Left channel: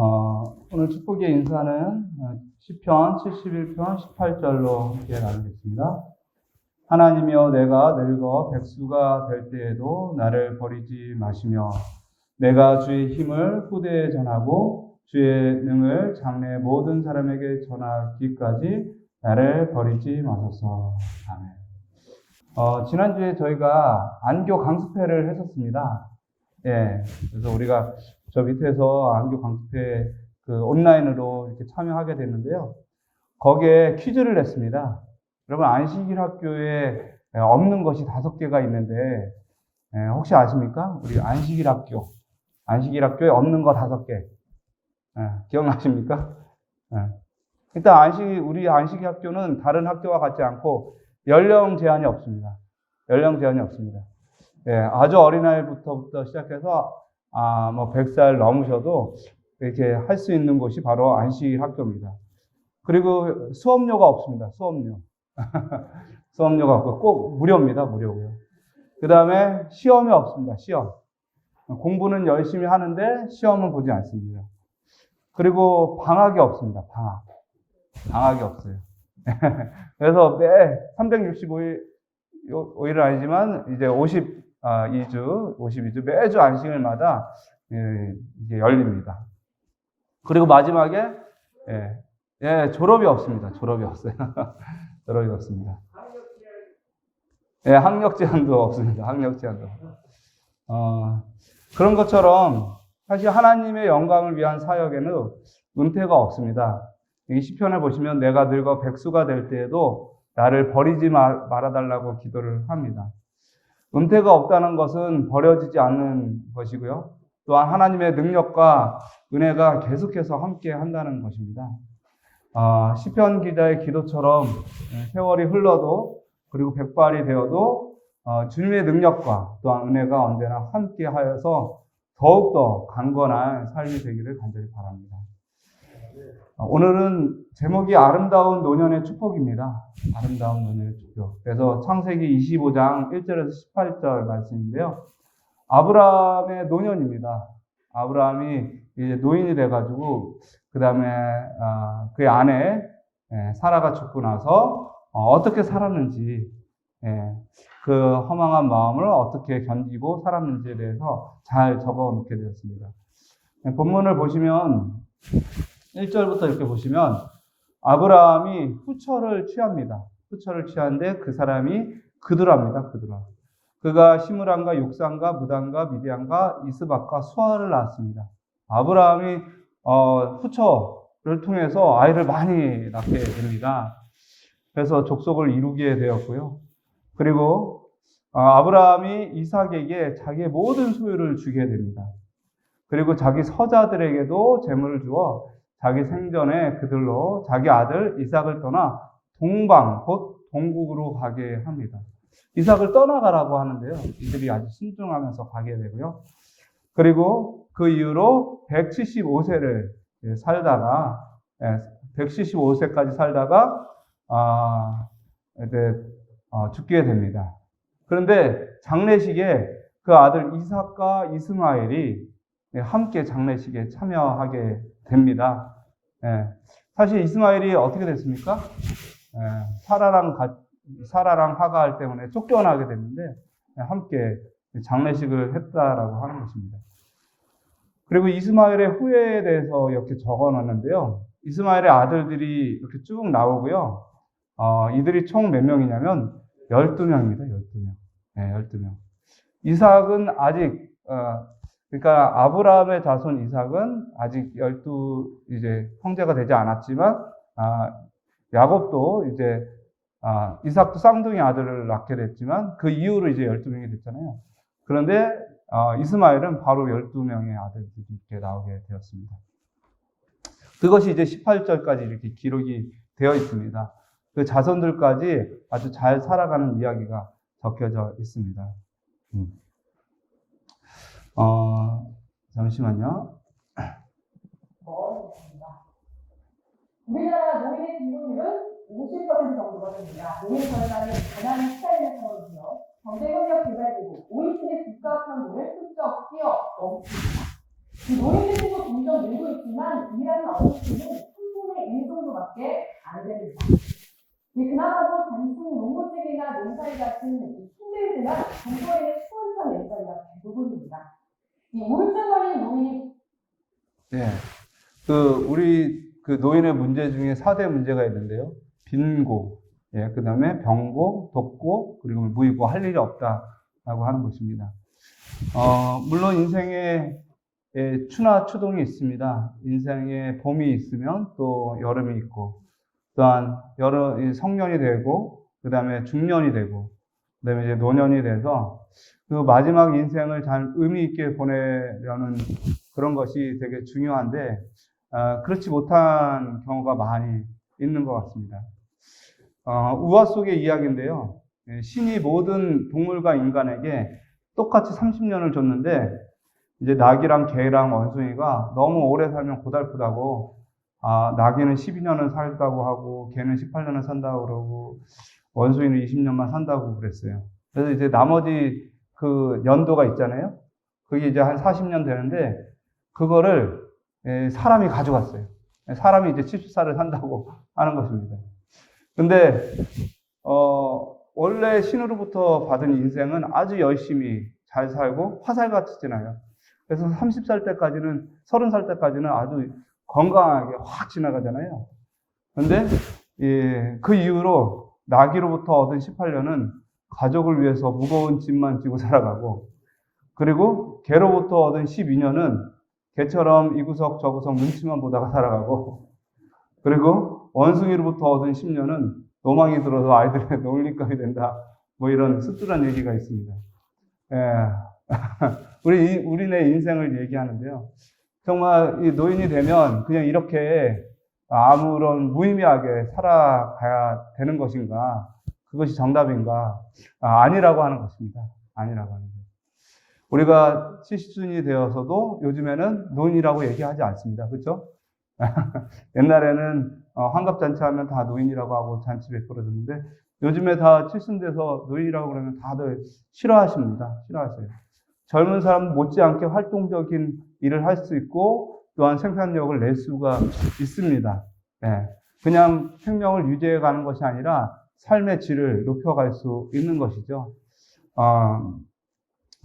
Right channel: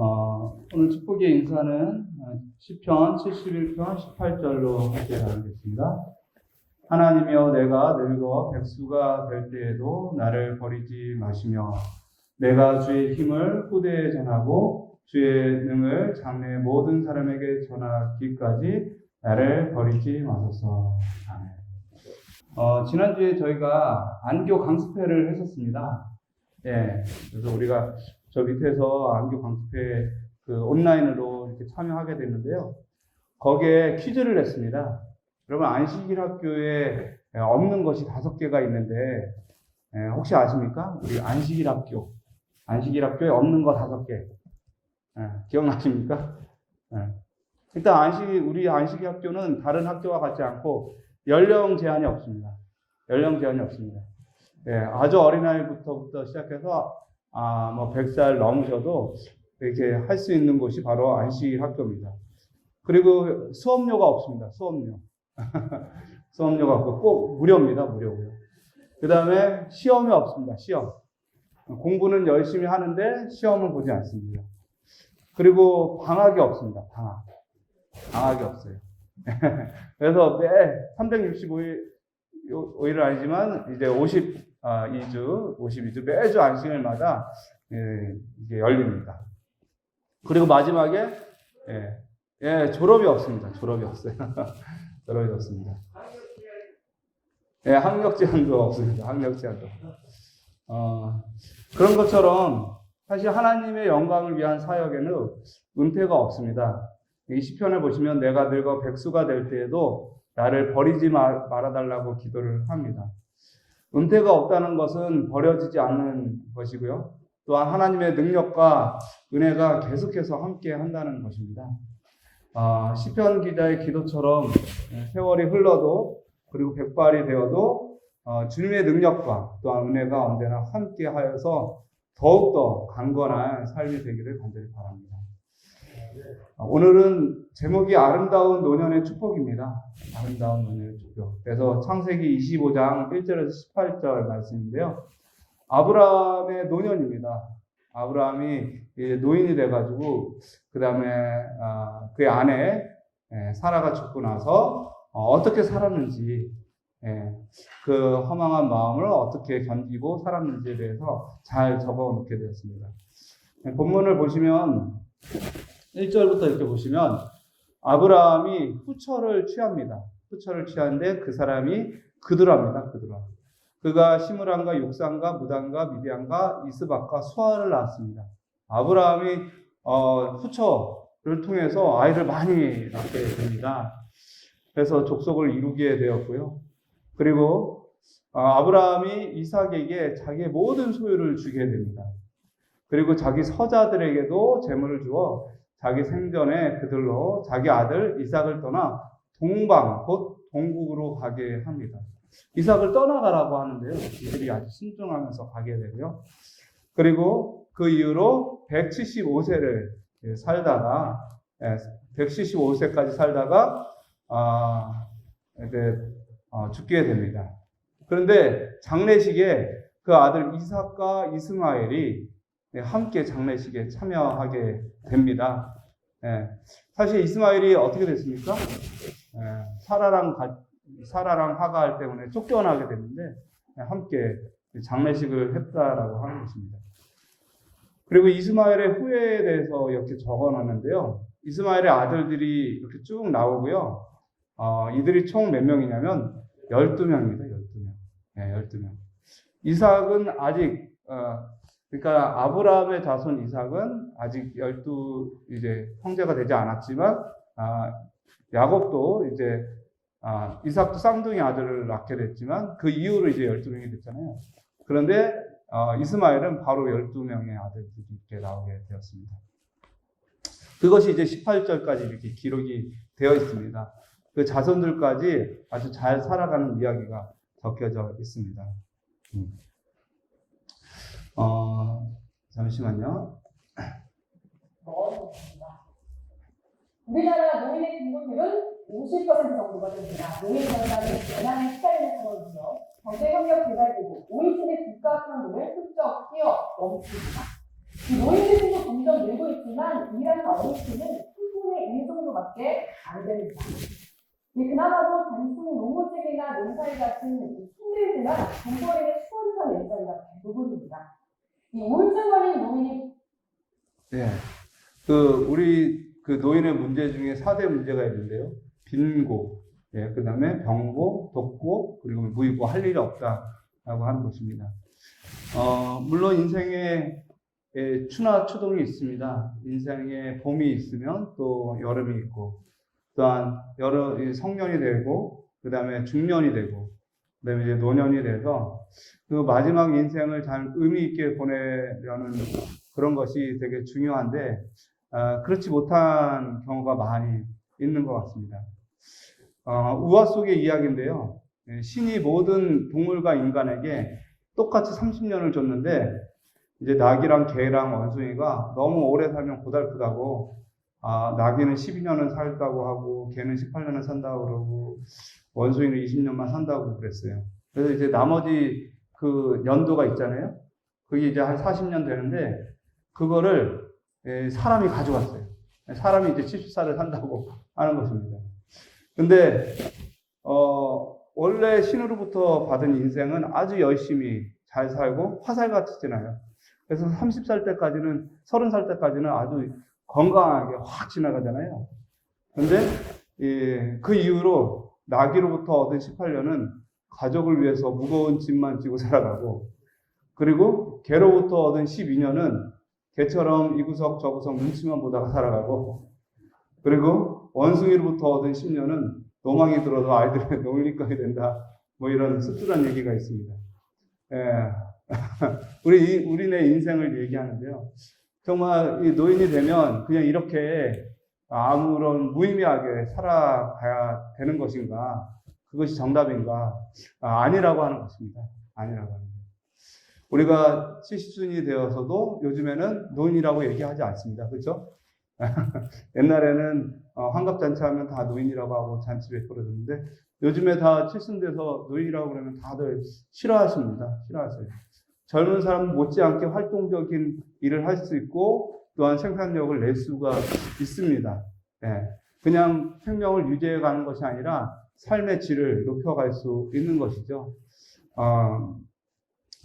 오늘 축복의 인사는 시편 71편 18절로 함께 나누겠습니다. 하나님이여, 내가 늙어 백수가 될 때에도 나를 버리지 마시며, 내가 주의 힘을 후대에 전하고 주의 능을 장래 모든 사람에게 전하기까지 나를 버리지 마소서. 아멘. 지난주에 저희가 안교 강습회를 했었습니다. 예, 그래서 우리가 저 밑에서 안교 강습회 온라인으로 이렇게 참여하게 됐는데요. 거기에 퀴즈를 냈습니다. 여러분, 안식일 학교에 없는 것이 5개가 있는데, 혹시 아십니까? 우리 안식일 학교에 없는 거 5개. 기억나십니까? 일단 우리 안식일 학교는 다른 학교와 같지 않고 연령 제한이 없습니다. 연령 제한이 없습니다. 아주 어린아이부터 시작해서 100살 넘으셔도 이렇게 할 수 있는 곳이 바로 안식일 학교입니다. 그리고 수업료가 없습니다. 수업료가 없고 꼭 무료입니다. 무료고요. 그 다음에 시험이 없습니다. 시험. 공부는 열심히 하는데 시험은 보지 않습니다. 그리고 방학이 없습니다. 방학이 없어요. 그래서 매 365일은 아니지만 이제 52주 매주 안식일마다 이게 열립니다. 그리고 마지막에 졸업이 없습니다. 졸업이 없어요. 졸업이 없습니다. 학력 제한도 없습니다. 학력 제한도. 그런 것처럼 사실 하나님의 영광을 위한 사역에는 은퇴가 없습니다. 이 시편을 보시면 내가 늙어 백수가 될 때에도 나를 버리지 말아달라고 기도를 합니다. 은퇴가 없다는 것은 버려지지 않는 것이고요. 또한 하나님의 능력과 은혜가 계속해서 함께 한다는 것입니다. 시편 기자의 기도처럼 세월이 흘러도 그리고 백발이 되어도 주님의 능력과 또한 은혜가 언제나 함께 하여서 더욱더 강건한 삶이 되기를 간절히 바랍니다. 오늘은 제목이 아름다운 노년의 축복입니다. 아름다운 노년의 축복. 그래서 창세기 25장 1절에서 18절 말씀인데요. 아브라함의 노년입니다. 아브라함이 이제 노인이 돼가지고 그 다음에 그의 아내 사라가 죽고 나서 어떻게 살았는지, 그 허망한 마음을 어떻게 견디고 살았는지에 대해서 잘 적어놓게 되었습니다. 본문을 보시면 1절부터 이렇게 보시면 아브라함이 후처를 취합니다. 후처를 취하는데 그 사람이 그드라입니다. 그가 시므람과 욕산과 무단과 미디안과 이스박과 수아를 낳았습니다. 아브라함이 후처를 통해서 아이를 많이 낳게 됩니다. 그래서 족속을 이루게 되었고요. 그리고 아브라함이 이삭에게 자기의 모든 소유를 주게 됩니다. 그리고 자기 서자들에게도 재물을 주어 자기 생전에 그들로 자기 아들 이삭을 떠나 동방 곧 동국으로 가게 합니다. 이삭을 떠나가라고 하는데요. 이들이 아주 순종하면서 가게 되고요. 그리고 그 이후로 175세를 살다가 175세까지 살다가 죽게 됩니다. 그런데 장례식에 그 아들 이삭과 이스마엘이 함께 장례식에 참여하게 됩니다. 사실 이스마엘이 어떻게 됐습니까? 사라랑 하갈 때문에 쫓겨나게 됐는데 함께 장례식을 했다라고 하는 것입니다. 그리고 이스마엘의 후예에 대해서 이렇게 적어놨는데요. 이스마엘의 아들들이 이렇게 쭉 나오고요. 이들이 총 몇 명이냐면 12명입니다. 12명. 12명. 이삭은 아직 그러니까 아브라함의 자손 이삭은 아직 12 형제가 되지 않았지만 야곱도 이제 이삭도 쌍둥이 아들을 낳게 됐지만 그 이후로 이제 12명이 됐잖아요. 그런데 이스마엘은 바로 12명의 아들들이 이렇게 나오게 되었습니다. 그것이 이제 18절까지 이렇게 기록이 되어 있습니다. 그 자손들까지 아주 잘 살아가는 이야기가 적혀져 있습니다. 잠시만요. 우리나라 노인의 빈곤율은 50% 정도가 됩니다. 노인 전사는 가난에 시달리는 상황이며 경제협력개발국은 OECD 국가 평균을 훌쩍 뛰어 넘습니다. 이 노인 빈곤 점점 늘고 있지만 일하는 어르신은 3분의 1 정도밖에 안 됩니다. 그나마도 단순 농무직이나 농사일 같은 힘들지만 정서의 수원성 일자리가 대부분입니다. 이 우울증 걸린 노인이 예. 우리 노인의 문제 중에 4대 문제가 있는데요. 빈고, 예, 그 다음에 병고, 독고, 그리고 무이고, 할 일이 없다라고 하는 것입니다. 물론 인생에 추나 추동이 있습니다. 인생에 봄이 있으면 또 여름이 있고, 또한 성년이 되고, 그 다음에 중년이 되고, 그 다음에 이제 노년이 돼서 그 마지막 인생을 잘 의미 있게 보내려는 그런 것이 되게 중요한데, 그렇지 못한 경우가 많이 있는 것 같습니다. 우화 속의 이야기인데요. 신이 모든 동물과 인간에게 똑같이 30년을 줬는데, 이제 낙이랑 개랑 원숭이가 너무 오래 살면 고달프다고, 낙이는 12년을 살다고 하고, 개는 18년을 산다고 그러고, 원숭이는 20년만 산다고 그랬어요. 그래서 이제 나머지 그 연도가 있잖아요. 그게 이제 한 40년 되는데, 그거를 사람이 가져갔어요. 사람이 이제 70살을 산다고 하는 것입니다. 근데, 원래 신으로부터 받은 인생은 아주 열심히 잘 살고 화살 같았잖아요. 그래서 30살 때까지는, 30살 때까지는 아주 건강하게 확 지나가잖아요. 근데, 그 이후로 나귀로부터 얻은 18년은 가족을 위해서 무거운 짐만 지고 살아가고, 그리고 개로부터 얻은 12년은 개처럼 이구석 저구석 눈치만 보다가 살아가고, 그리고 원숭이로부터 얻은 10년은 노망이 들어서 아이들의 놀림거리 된다. 뭐 이런 씁쓸한 얘기가 있습니다. 우리네 인생을 얘기하는데요. 정말 이 노인이 되면 그냥 이렇게 아무런 무의미하게 살아가야 되는 것인가? 그것이 정답인가? 아니라고 하는 것입니다. 아니라고 하는 것. 우리가 70순이 되어서도 요즘에는 노인이라고 얘기하지 않습니다. 그렇죠? 옛날에는 환갑잔치 하면 다 노인이라고 하고 잔치 베풀어줬는데 요즘에 다 70순 돼서 노인이라고 그러면 다들 싫어하십니다. 싫어하세요. 젊은 사람 못지않게 활동적인 일을 할 수 있고 또한 생산력을 낼 수가 있습니다. 예. 그냥 생명을 유지해 가는 것이 아니라 삶의 질을 높여갈 수 있는 것이죠.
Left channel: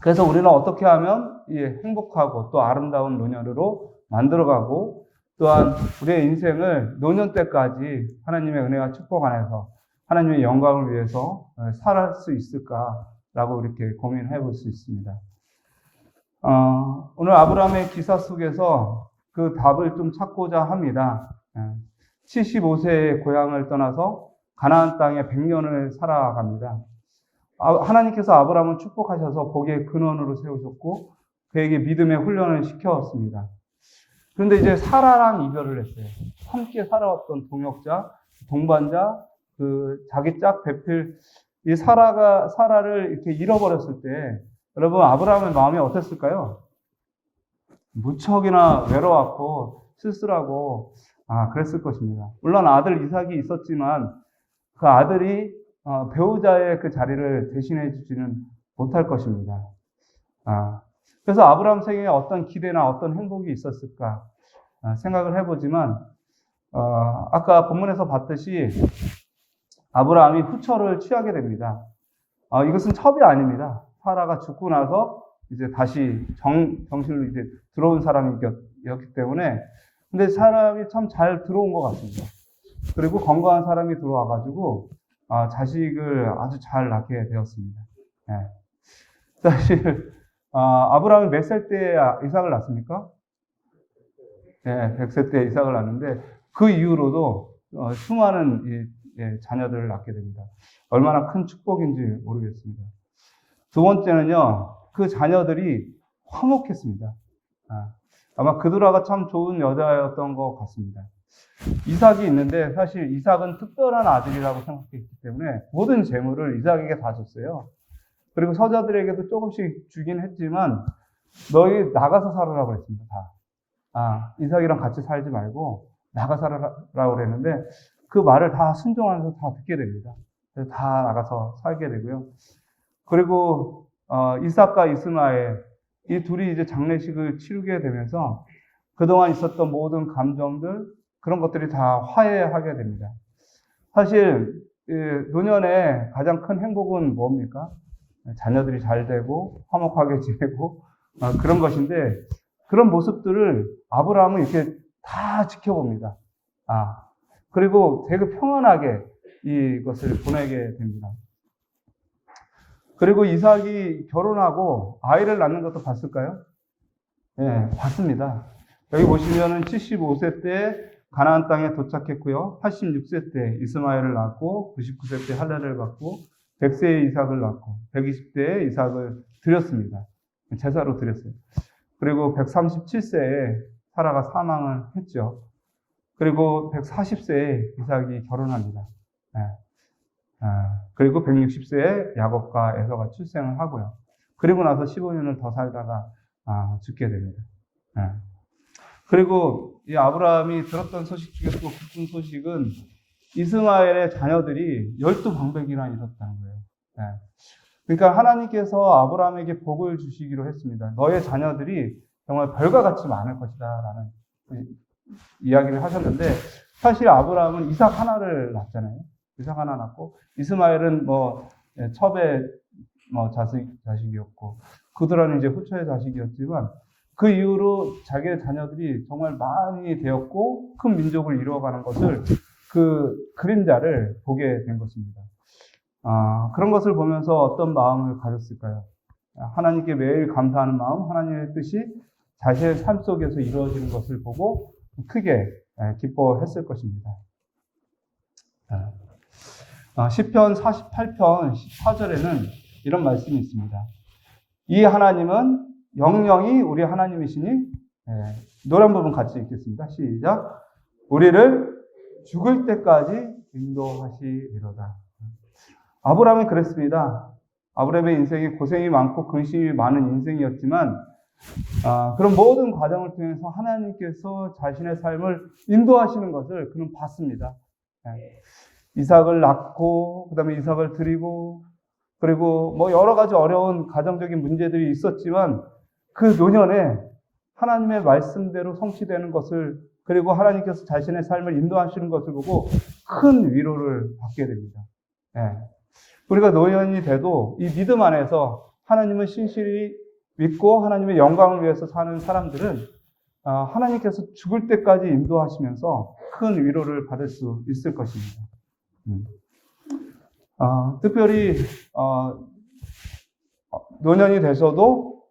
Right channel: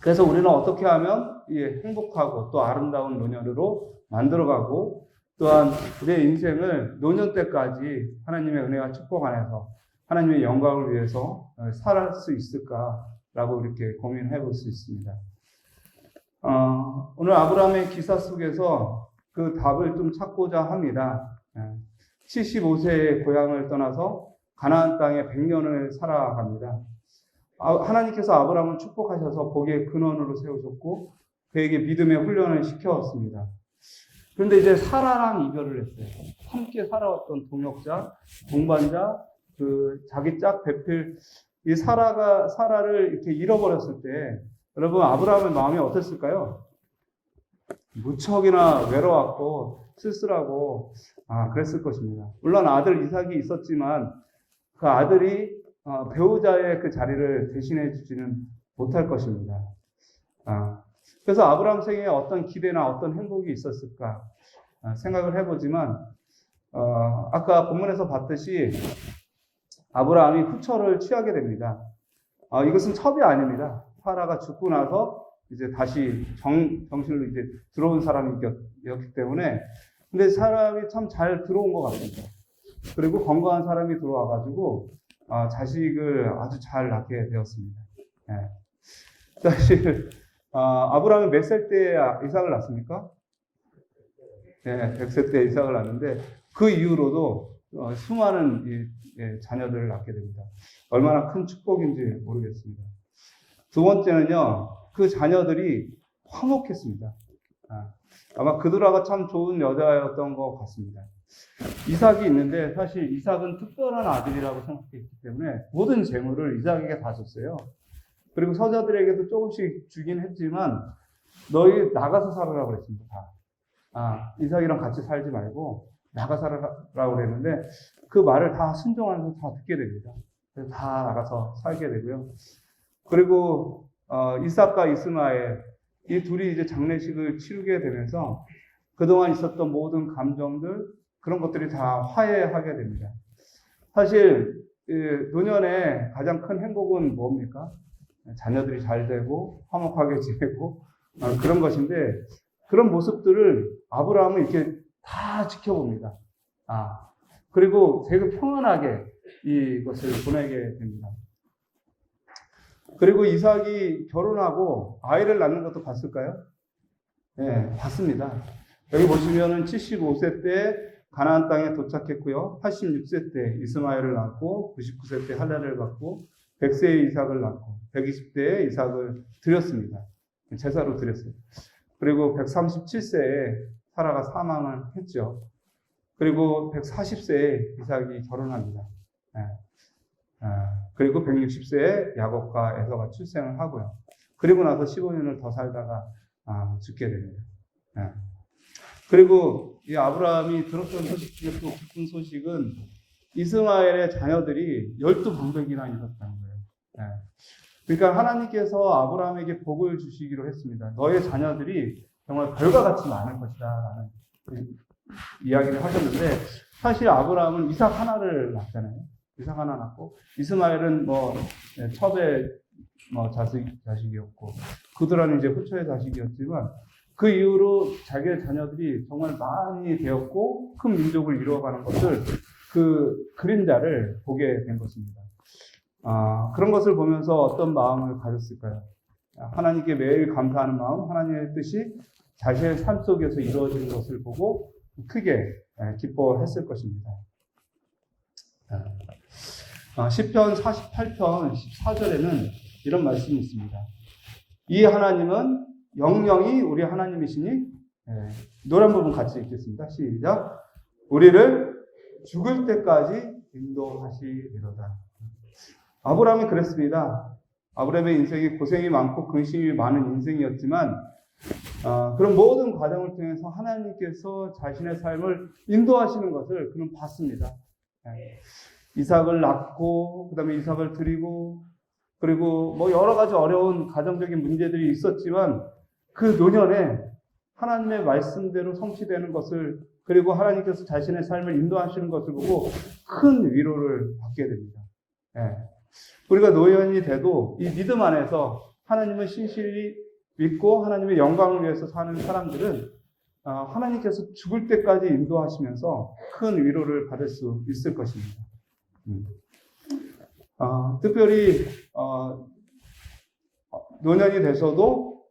그래서 우리는 어떻게 하면 행복하고 또 아름다운 노년으로 만들어가고 또한 우리의 인생을 노년 때까지 하나님의 은혜와 축복 안에서 하나님의 영광을 위해서 살아갈 수 있을까라고 이렇게 고민해 볼 수 있습니다. 오늘 아브라함의 기사 속에서 그 답을 좀 찾고자 합니다. 75세의 고향을 떠나서 가나안 땅에 100년을 살아갑니다. 하나님께서 아브라함을 축복하셔서 거기에 근원으로 세우셨고 그에게 믿음의 훈련을 시켰습니다. 그런데 이제 사라랑 이별을 했어요. 함께 살아왔던 동역자, 동반자, 자기 짝 배필 이 사라를 이렇게 잃어버렸을 때 여러분 아브라함의 마음이 어땠을까요? 무척이나 외로웠고 쓸쓸하고 그랬을 것입니다. 물론 아들 이삭이 있었지만 그 아들이 배우자의 그 자리를 대신해 주지는 못할 것입니다. 그래서 아브라함 생에 어떤 기대나 어떤 행복이 있었을까 생각을 해보지만 아까 본문에서 봤듯이 아브라함이 후처를 취하게 됩니다. 이것은 첩이 아닙니다. 사라가 죽고 나서 이제 다시 정실로 이제 들어온 사람이었기 때문에 근데 사람이 참 잘 들어온 것 같습니다. 그리고 건강한 사람이 들어와가지고 자식을 아주 잘 낳게 되었습니다. 네. 사실 아브라함은 몇 살 때 이삭을 낳습니까? 네, 100세 때 이삭을 낳는데 그 이후로도 수많은 자녀들을 낳게 됩니다. 얼마나 큰 축복인지 모르겠습니다. 두 번째는요, 그 자녀들이 화목했습니다. 아마 그두라가 참 좋은 여자였던 것 같습니다. 이삭이 있는데 사실 이삭은 특별한 아들이라고 생각했기 때문에 모든 재물을 이삭에게 다 줬어요. 그리고 서자들에게도 조금씩 주긴 했지만 너희 나가서 살으라고 그랬습니다. 다. 이삭이랑 같이 살지 말고 나가 살아라고 그랬는데 그 말을 다 순종하면서 다 듣게 됩니다. 그래서 다 나가서 살게 되고요. 그리고 이삭과 이스마엘 이 둘이 이제 장례식을 치르게 되면서 그동안 있었던 모든 감정들, 그런 것들이 다 화해하게 됩니다. 사실 노년의 가장 큰 행복은 뭡니까? 자녀들이 잘 되고 화목하게 지내고 그런 것인데, 그런 모습들을 아브라함은 이렇게 다 지켜봅니다. 그리고 되게 평안하게 이것을 보내게 됩니다. 그리고 이삭이 결혼하고 아이를 낳는 것도 봤을까요? 네, 봤습니다. 여기 보시면은 75세 때 가나안 땅에 도착했고요. 86세 때 이스마엘을 낳고, 99세 때 할례를 받고, 100세에 이삭을 낳고, 120세에 이삭을 드렸습니다. 제사로 드렸어요. 그리고 137세에 사라가 사망을 했죠. 그리고 140세에 이삭이 결혼합니다. 그리고 160세에 야곱과 에서가 출생을 하고요. 그리고 나서 15년을 더 살다가 죽게 됩니다. 그리고 이 아브라함이 들었던 소식 중에 또 기쁜 소식은 이스마엘의 자녀들이 12방백이나 있었다는 거예요. 그러니까 하나님께서 아브라함에게 복을 주시기로 했습니다. 너의 자녀들이 정말 별과 같이 많을 것이다 라는 이야기를 하셨는데, 사실 아브라함은 이삭 하나를 낳잖아요. 이삭 하나 낳고, 이스마엘은 첩의 자식이었고, 그들은 이제 후처의 자식이었지만, 그 이후로 자기의 자녀들이 정말 많이 되었고 큰 민족을 이루어가는 것을, 그 그림자를 보게 된 것입니다. 그런 것을 보면서 어떤 마음을 가졌을까요? 하나님께 매일 감사하는 마음, 하나님의 뜻이 자신의 삶 속에서 이루어지는 것을 보고 크게 기뻐했을 것입니다. 시편 48편 14절에는 이런 말씀이 있습니다. 이 하나님은 영영이 우리 하나님이시니, 노란 부분 같이 읽겠습니다. 시작. 우리를 죽을 때까지 인도하시리로다. 아브라함이 그랬습니다. 아브라함의 인생이 고생이 많고 근심이 많은 인생이었지만, 그런 모든 과정을 통해서 하나님께서 자신의 삶을 인도하시는 것을 그는 봤습니다. 이삭을 낳고, 그 다음에 이삭을 드리고, 그리고 여러 가지 어려운 가정적인 문제들이 있었지만, 그 노년에 하나님의 말씀대로 성취되는 것을, 그리고 하나님께서 자신의 삶을 인도하시는 것을 보고 큰 위로를 받게 됩니다. 우리가 노년이 돼도 이 믿음 안에서 하나님을 신실히 믿고 하나님의 영광을 위해서 사는 사람들은 하나님께서 죽을 때까지 인도하시면서 큰 위로를 받을 수 있을 것입니다. 특별히 노년이 되셔도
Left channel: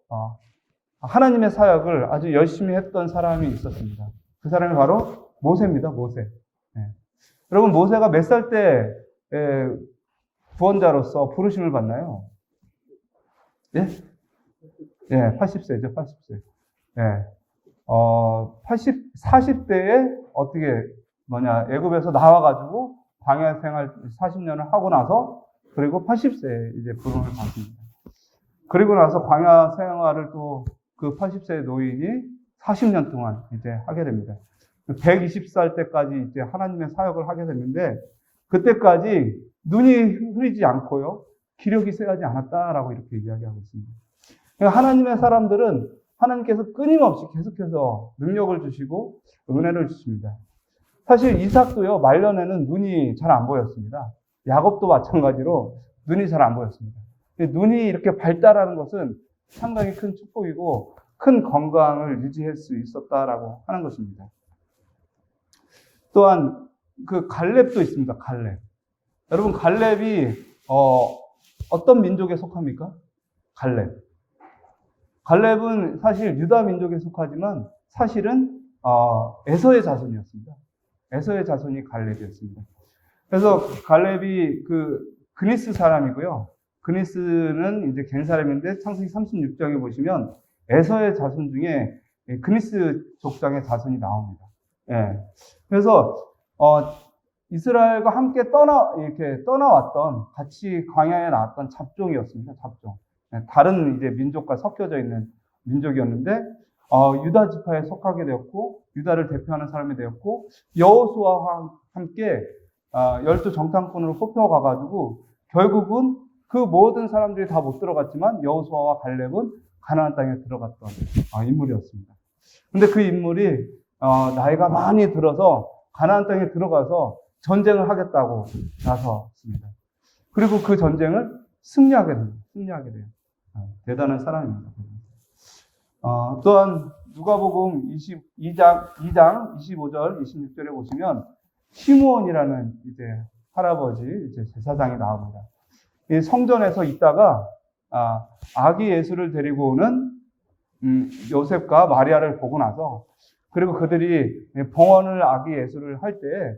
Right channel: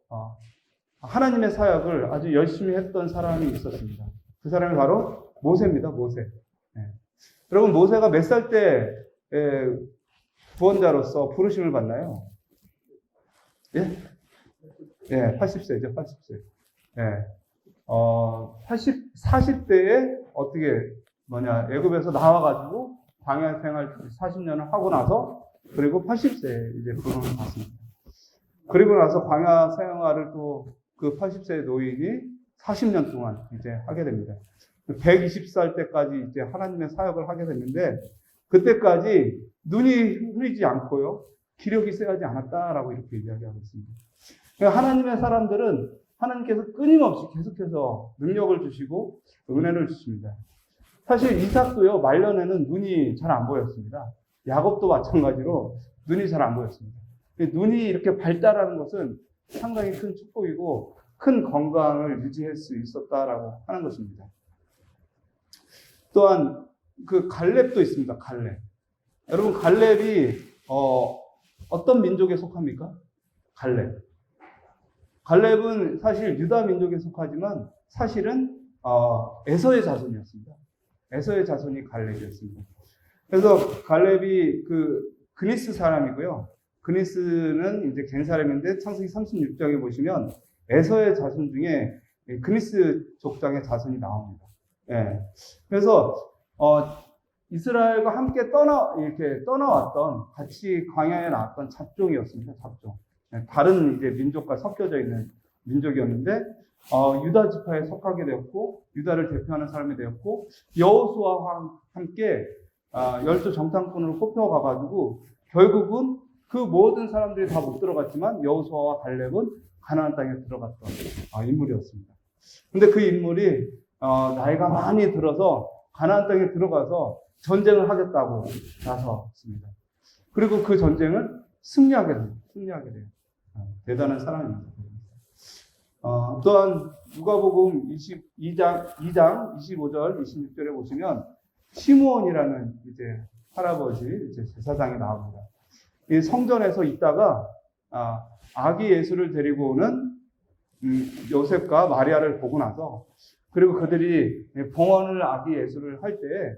하나님의 사역을 아주 열심히 했던 사람이 있었습니다. 그 사람이 바로 모세입니다. 모세. 여러분, 모세가 몇 살 때 구원자로서 부르심을 받나요? 80세죠, 80세. 40대에 애굽에서 나와가지고 광야 생활 40년을 하고 나서, 그리고 80세에 이제 부름을 받습니다. 그리고 나서 광야 생활을 또 그 80세의 노인이 40년 동안 이제 하게 됩니다. 120살 때까지 이제 하나님의 사역을 하게 됐는데, 그때까지 눈이 흐리지 않고요, 기력이 세하지 않았다라고 이렇게 이야기하고 있습니다. 그러니까 하나님의 사람들은 하나님께서 끊임없이 계속해서 능력을 주시고 은혜를 주십니다. 사실 이삭도요, 말년에는 눈이 잘 안 보였습니다. 야곱도 마찬가지로 눈이 잘 안 보였습니다. 눈이 이렇게 발달하는 것은 상당히 큰 축복이고 큰 건강을 유지할 수 있었다라고 하는 것입니다. 또한 그 갈렙도 있습니다. 갈렙. 여러분, 갈렙이 어떤 민족에 속합니까? 갈렙은 사실 유다 민족에 속하지만 사실은 에서의 자손이었습니다. 에서의 자손이 갈렙이었습니다. 그래서 갈렙이 그니스 사람이고요. 그니스는 이제 겐 사람인데, 창세기 36장에 보시면 에서의 자손 중에 그니스 족장의 자손이 나옵니다. 그래서 이스라엘과 함께 떠나왔던, 같이 광야에 나왔던 잡종이었습니다. 잡종. 다른 이제 민족과 섞여져 있는 민족이었는데, 유다 지파에 속하게 되었고, 유다를 대표하는 사람이 되었고, 여호수아와 함께 12 정탐꾼으로 뽑혀가가지고 결국은 그 모든 사람들이 다 못 들어갔지만 여호수아와 갈렙은 가나안 땅에 들어갔던 인물이었습니다. 근데 그 인물이 나이가 많이 들어서 가나안 땅에 들어가서 전쟁을 하겠다고 나섰습니다. 그리고 그 전쟁을 승리하게 됩니다. 승리하게 돼요. 대단한 사람입니다. 또한 누가복음 22장 25절 26절에 보시면 시므온이라는 이제 할아버지 이제 제사장이 나옵니다. 이 성전에서 있다가 아기 예수를 데리고 오는 요셉과 마리아를 보고 나서, 그리고 그들이 봉헌을 아기 예수를 할 때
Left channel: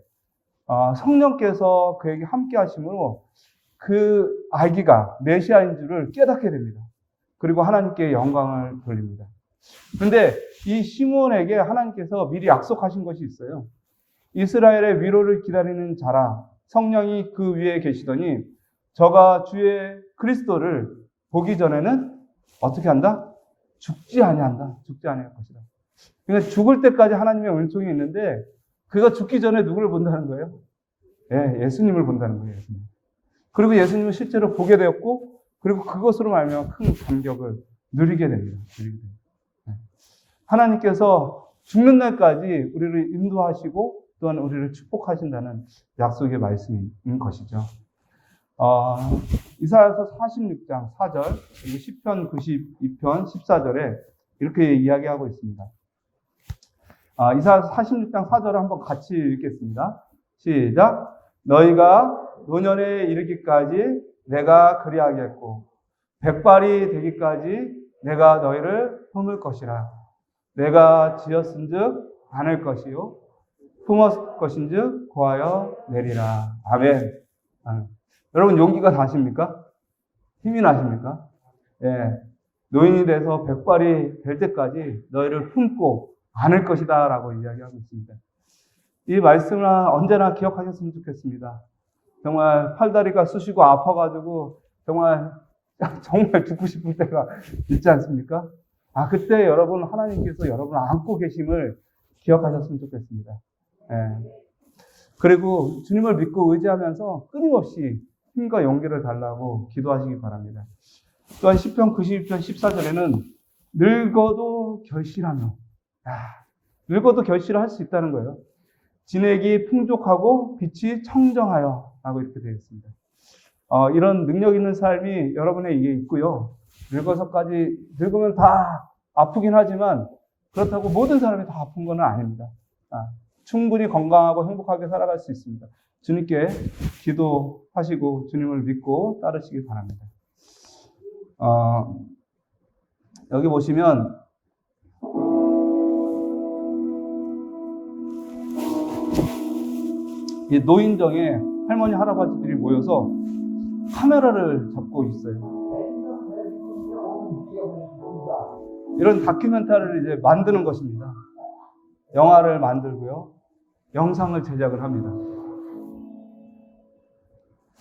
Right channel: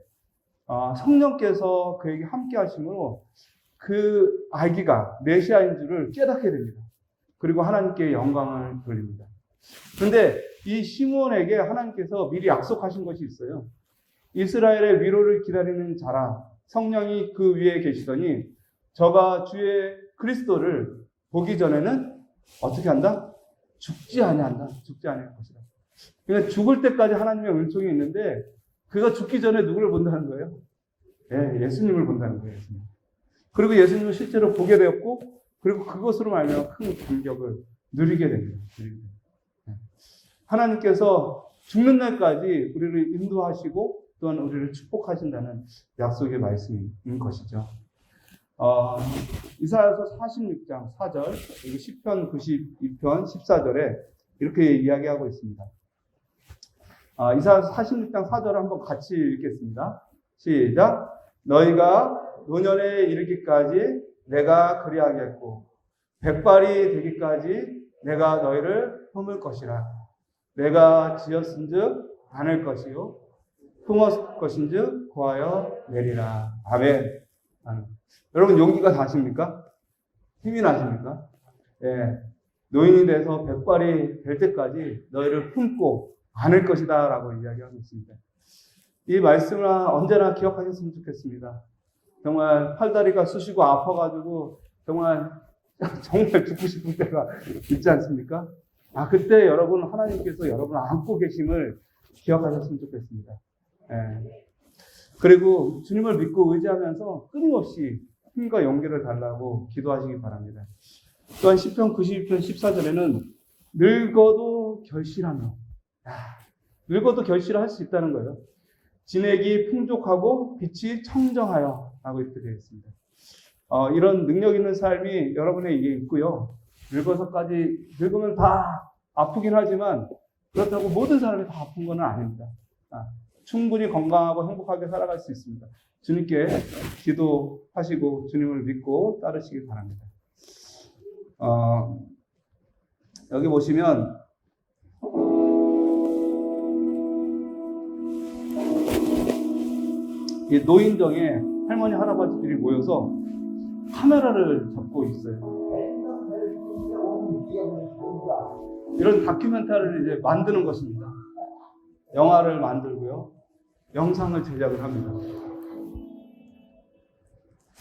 성령께서 그에게 함께 하심으로 그 아기가 메시아인 줄을 깨닫게 됩니다. 그리고 하나님께 영광을 돌립니다. 그런데 이 시므온에게 하나님께서 미리 약속하신 것이 있어요. 이스라엘의 위로를 기다리는 자라, 성령이 그 위에 계시더니 저가 주의 그리스도를 보기 전에는 어떻게 한다? 죽지 아니한다. 죽지 아니할 것이다. 그러니까 죽을 때까지 하나님의 은총이 있는데 그가 죽기 전에 누구를 본다는 거예요? 예수님을 본다는 거예요. 예수님. 그리고 예수님을 실제로 보게 되었고, 그리고 그것으로 말하면 큰 감격을 누리게 됩니다. 하나님께서 죽는 날까지 우리를 인도하시고 또한 우리를 축복하신다는 약속의 말씀인 것이죠. 이사야서 46장 4절, 여기 시편 92편 14절에 이렇게 이야기하고 있습니다. 이사야서 46장 4절을 한번 같이 읽겠습니다. 시작. 너희가 노년에 이르기까지 내가 그리하겠고 백발이 되기까지 내가 너희를 품을 것이라. 내가 지었은즉 않을 것이요 품었 것인즉 고하여 내리라. 아멘. 여러분 용기가 나십니까? 힘이 나십니까? 노인이 돼서 백발이 될 때까지 너희를 품고 안을 것이다 라고 이야기하고 있습니다. 이 말씀을 언제나 기억하셨으면 좋겠습니다. 정말 팔다리가 쑤시고 아파가지고 정말 죽고 싶을 때가 있지 않습니까? 그때 여러분 하나님께서 여러분을 안고 계심을 기억하셨으면 좋겠습니다. 그리고 주님을 믿고 의지하면서 끊임없이 힘과 용기를 달라고 기도하시기 바랍니다. 또한 시편 92편 14절에는 늙어도 결실하며, 늙어도 결실을 할 수 있다는 거예요. 진액이 풍족하고 빛이 청정하여 라고 이렇게 되어 있습니다. 이런 능력 있는 삶이 여러분에게 있고요. 늙으면 다 아프긴 하지만 그렇다고 모든 사람이 다 아픈 건 아닙니다. 충분히 건강하고 행복하게 살아갈 수 있습니다. 주님께 기도하시고 주님을 믿고 따르시기 바랍니다. 여기 보시면 이 노인정에 할머니 할아버지들이 모여서 카메라를 잡고 있어요. 이런 다큐멘터리를 이제 만드는 것입니다. 영화를 만들고요, 영상을 제작을 합니다.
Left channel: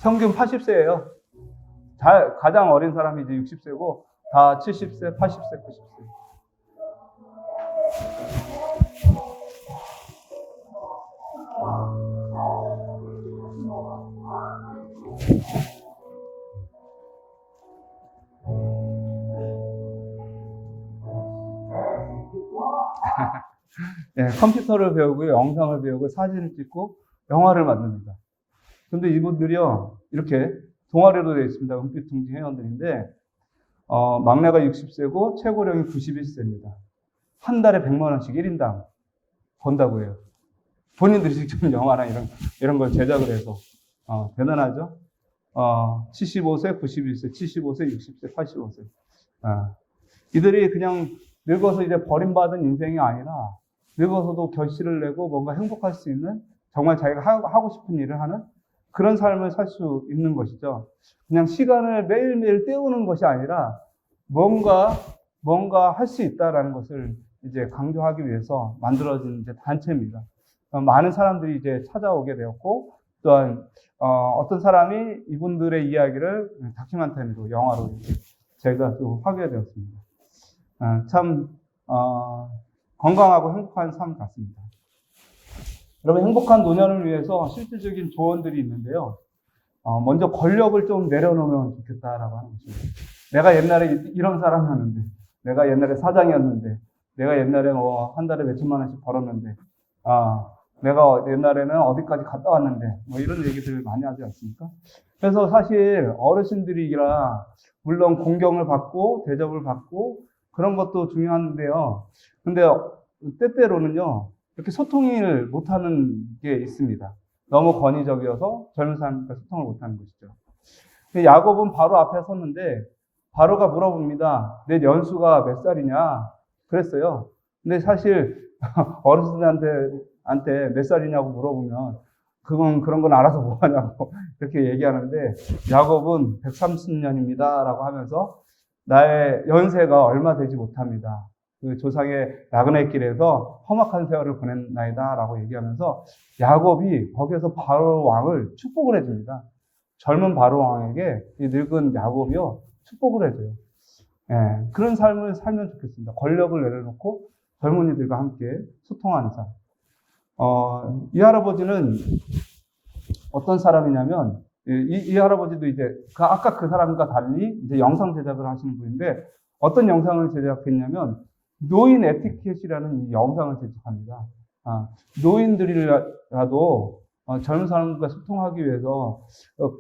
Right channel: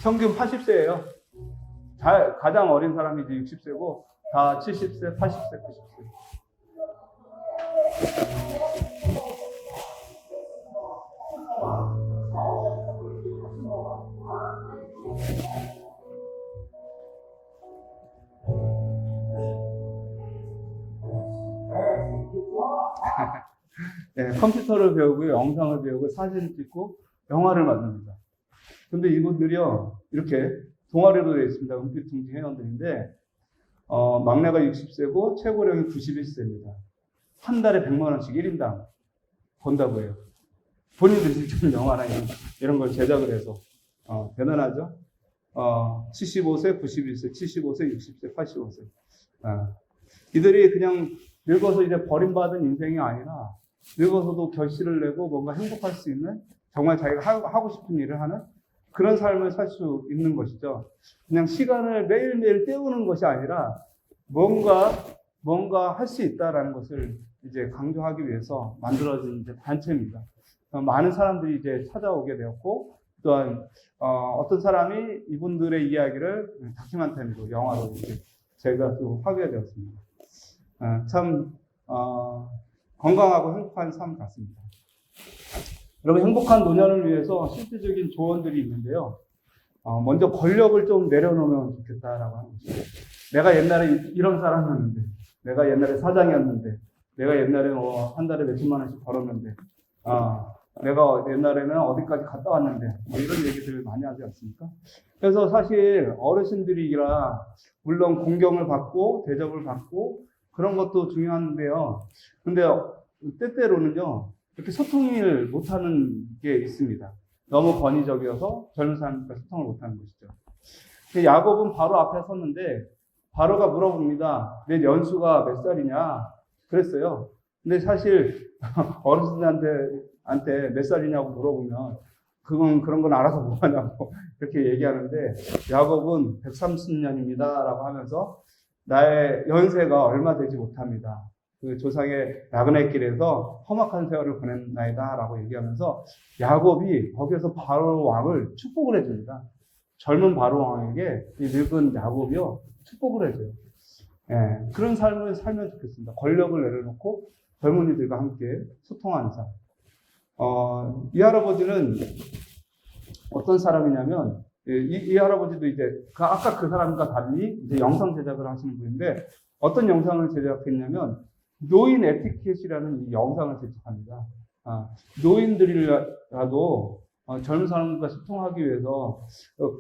평균 80세예요. 가장 어린 사람이 이제 60세고 다 70세, 80세, 90세. 컴퓨터를 배우고 영상을 배우고 사진을 찍고 영화를 만듭니다. 근데 이분들이요, 이렇게 동아리로 되어 있습니다. 은빛둥지 회원들인데, 막내가 60세고 최고령이 91세입니다. 한 달에 100만 원씩 1인당 번다고 해요. 본인들이 직접 영화나 이런 걸 제작을 해서, 대단하죠? 75세, 91세, 75세, 60세, 85세. 이들이 그냥 늙어서 이제 버림받은 인생이 아니라 늙어서도 결실을 내고 뭔가 행복할 수 있는, 정말 자기가 하고 싶은 일을 하는 그런 삶을 살 수 있는 것이죠. 그냥 시간을 매일매일 때우는 것이 아니라 뭔가 할 수 있다라는 것을 이제 강조하기 위해서 만들어진 이제 단체입니다. 많은 사람들이 이제 찾아오게 되었고, 또한 어떤 사람이 이분들의 이야기를 다큐멘터리로 영화로 제가 또 하게 되었습니다. 참 건강하고 행복한 삶 같습니다. 여러분, 행복한 노년을 위해서 실질적인 조언들이 있는데요. 먼저 권력을 좀 내려놓으면 좋겠다라고 하는 것이죠. 내가 옛날에 이런 사람이었는데, 내가 옛날에 사장이었는데, 내가 옛날에 뭐 한 달에 몇 천만 원씩 벌었는데, 내가 옛날에는 어디까지 갔다 왔는데, 뭐 이런 얘기들 많이 하지 않습니까? 그래서 사실 어르신들이라 물론 공경을 받고 대접을 받고 그런 것도 중요한데요. 근데 때때로는요, 이렇게 소통을 못하는 게 있습니다. 너무 권위적이어서 젊은 사람과 소통을 못하는 것이죠. 근데 야곱은 바로 앞에 섰는데 바로가 물어봅니다. 내 연수가 몇 살이냐? 그랬어요. 근데 사실 어르신들한테 몇 살이냐고 물어보면 그건 그런 건 알아서 뭐 하냐고 이렇게 얘기하는데 야곱은 130년입니다 라고 하면서 나의 연세가 얼마 되지 못합니다. 그 조상의 나그네 길에서 험악한 세월을 보낸 나이다 라고 얘기하면서 야곱이 거기에서 바로 왕을 축복을 해줍니다. 젊은 바로 왕에게 이 늙은 야곱이요 축복을 해줘요. 예, 그런 삶을 살면 좋겠습니다. 권력을 내려놓고 젊은이들과 함께 소통하는 삶. 이 할아버지는 어떤 사람이냐면, 이 할아버지도 이제, 아까 그 사람과 달리 이제 영상 제작을 하시는 분인데, 어떤 영상을 제작했냐면, 노인 에티켓이라는 이 영상을 제작합니다. 노인들이라도 젊은 사람과 소통하기 위해서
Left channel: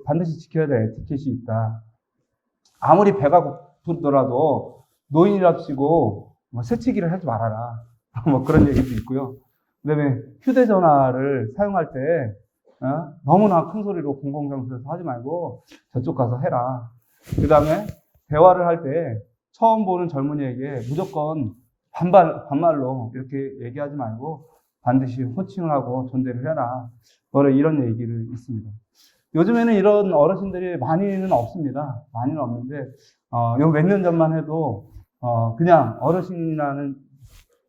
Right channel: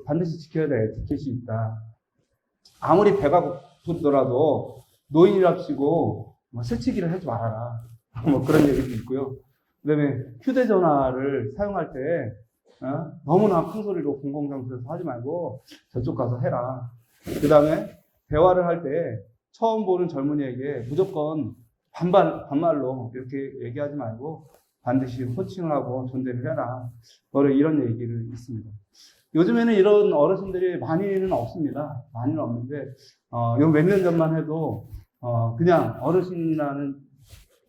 반드시 지켜야 될 에티켓이 있다. 아무리 배가 고프더라도 노인이랍시고 새치기를 하지 말아라. 뭐 그런 얘기도 있고요. 그다음에 휴대전화를 사용할 때 너무나 큰 소리로 공공장소에서 하지 말고 저쪽 가서 해라. 그다음에 대화를 할 때 처음 보는 젊은이에게 무조건 반말로 이렇게 얘기하지 말고 반드시 호칭을 하고 존대를 해라. 이런 얘기를 있습니다. 요즘에는 이런 어르신들이 많이는 없습니다. 많이는 없는데 요 몇 년 전만 해도 그냥 어르신이라는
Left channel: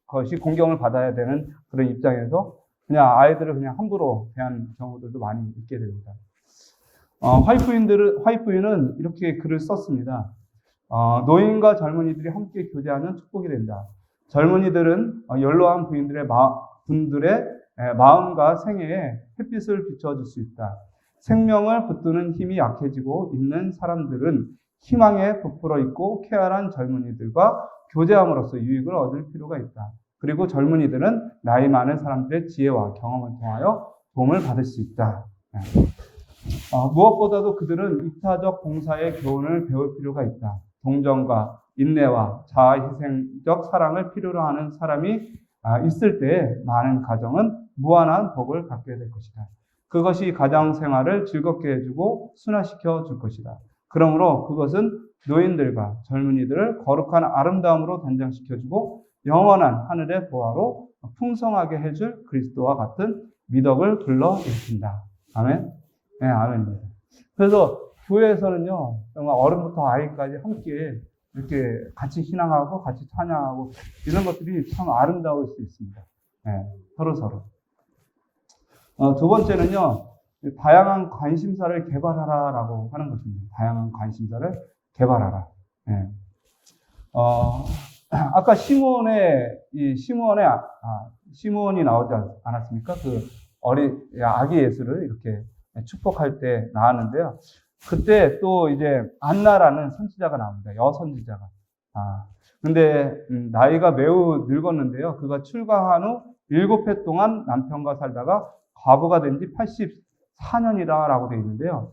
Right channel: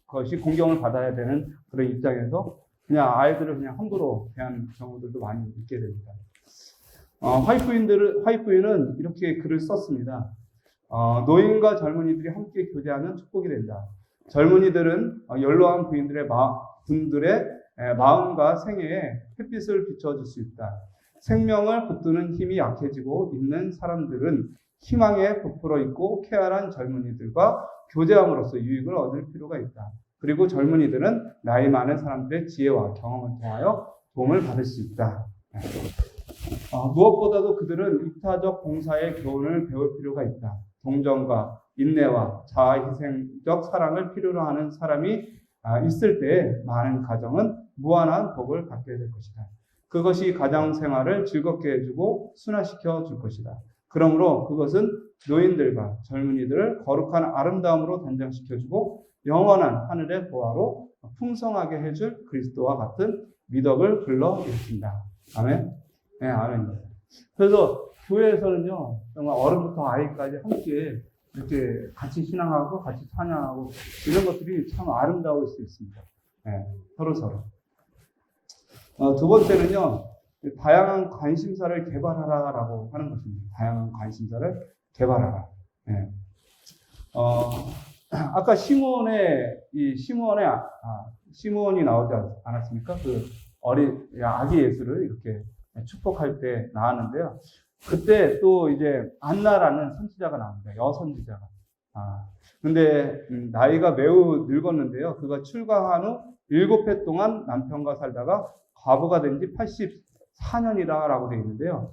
것이 공경을 받아야 되는 그런 입장에서 그냥 아이들을 그냥 함부로 대하는 경우들도 많이 있게 됩니다. 화이프인은 이렇게 글을 썼습니다. 노인과 젊은이들이 함께 교제하는 축복이 된다. 젊은이들은 연로한 분들의 마음과 생애에 햇빛을 비춰줄 수 있다. 생명을 붙드는 힘이 약해지고 있는 사람들은 희망에 부풀어 있고 쾌활한 젊은이들과 교제함으로써 유익을 얻을 필요가 있다. 그리고 젊은이들은 나이 많은 사람들의 지혜와 경험을 통하여 도움을 받을 수 있다. 무엇보다도 그들은 이타적 봉사의 교훈을 배울 필요가 있다. 동정과 인내와 자아희생적 사랑을 필요로 하는 사람이 있을 때 많은 가정은 무한한 복을 갖게 될 것이다. 그것이 가정 생활을 즐겁게 해주고 순화시켜 줄 것이다. 그러므로 그것은 노인들과 젊은이들을 거룩한 아름다움으로 단장시켜주고 영원한 하늘의 보화로 풍성하게 해줄 그리스도와 같은 미덕을 불러일으킨다. 아멘? 네, 아멘입니다. 그래서 교회에서는요, 정말 어른부터 아이까지 함께 이렇게 같이 신앙하고 같이 찬양하고 이런 것들이 참 아름다울 수 있습니다. 네, 서로. 두 번째는요, 다양한 관심사를 개발하라라고 하는 것입니다. 다양한 관심사를 개발하라. 네. 아까 시몬이 나오지 않았습니까? 아기 예수를 이렇게 축복할 때 나왔는데요. 그때 또 이제 안나라는 선지자가 나옵니다. 여선지자가. 근데 나이가 매우 늙었는데요. 그가 출가한 후 7해 동안 남편과 살다가 과부가 된 지 84년이라고 되어 있는데요.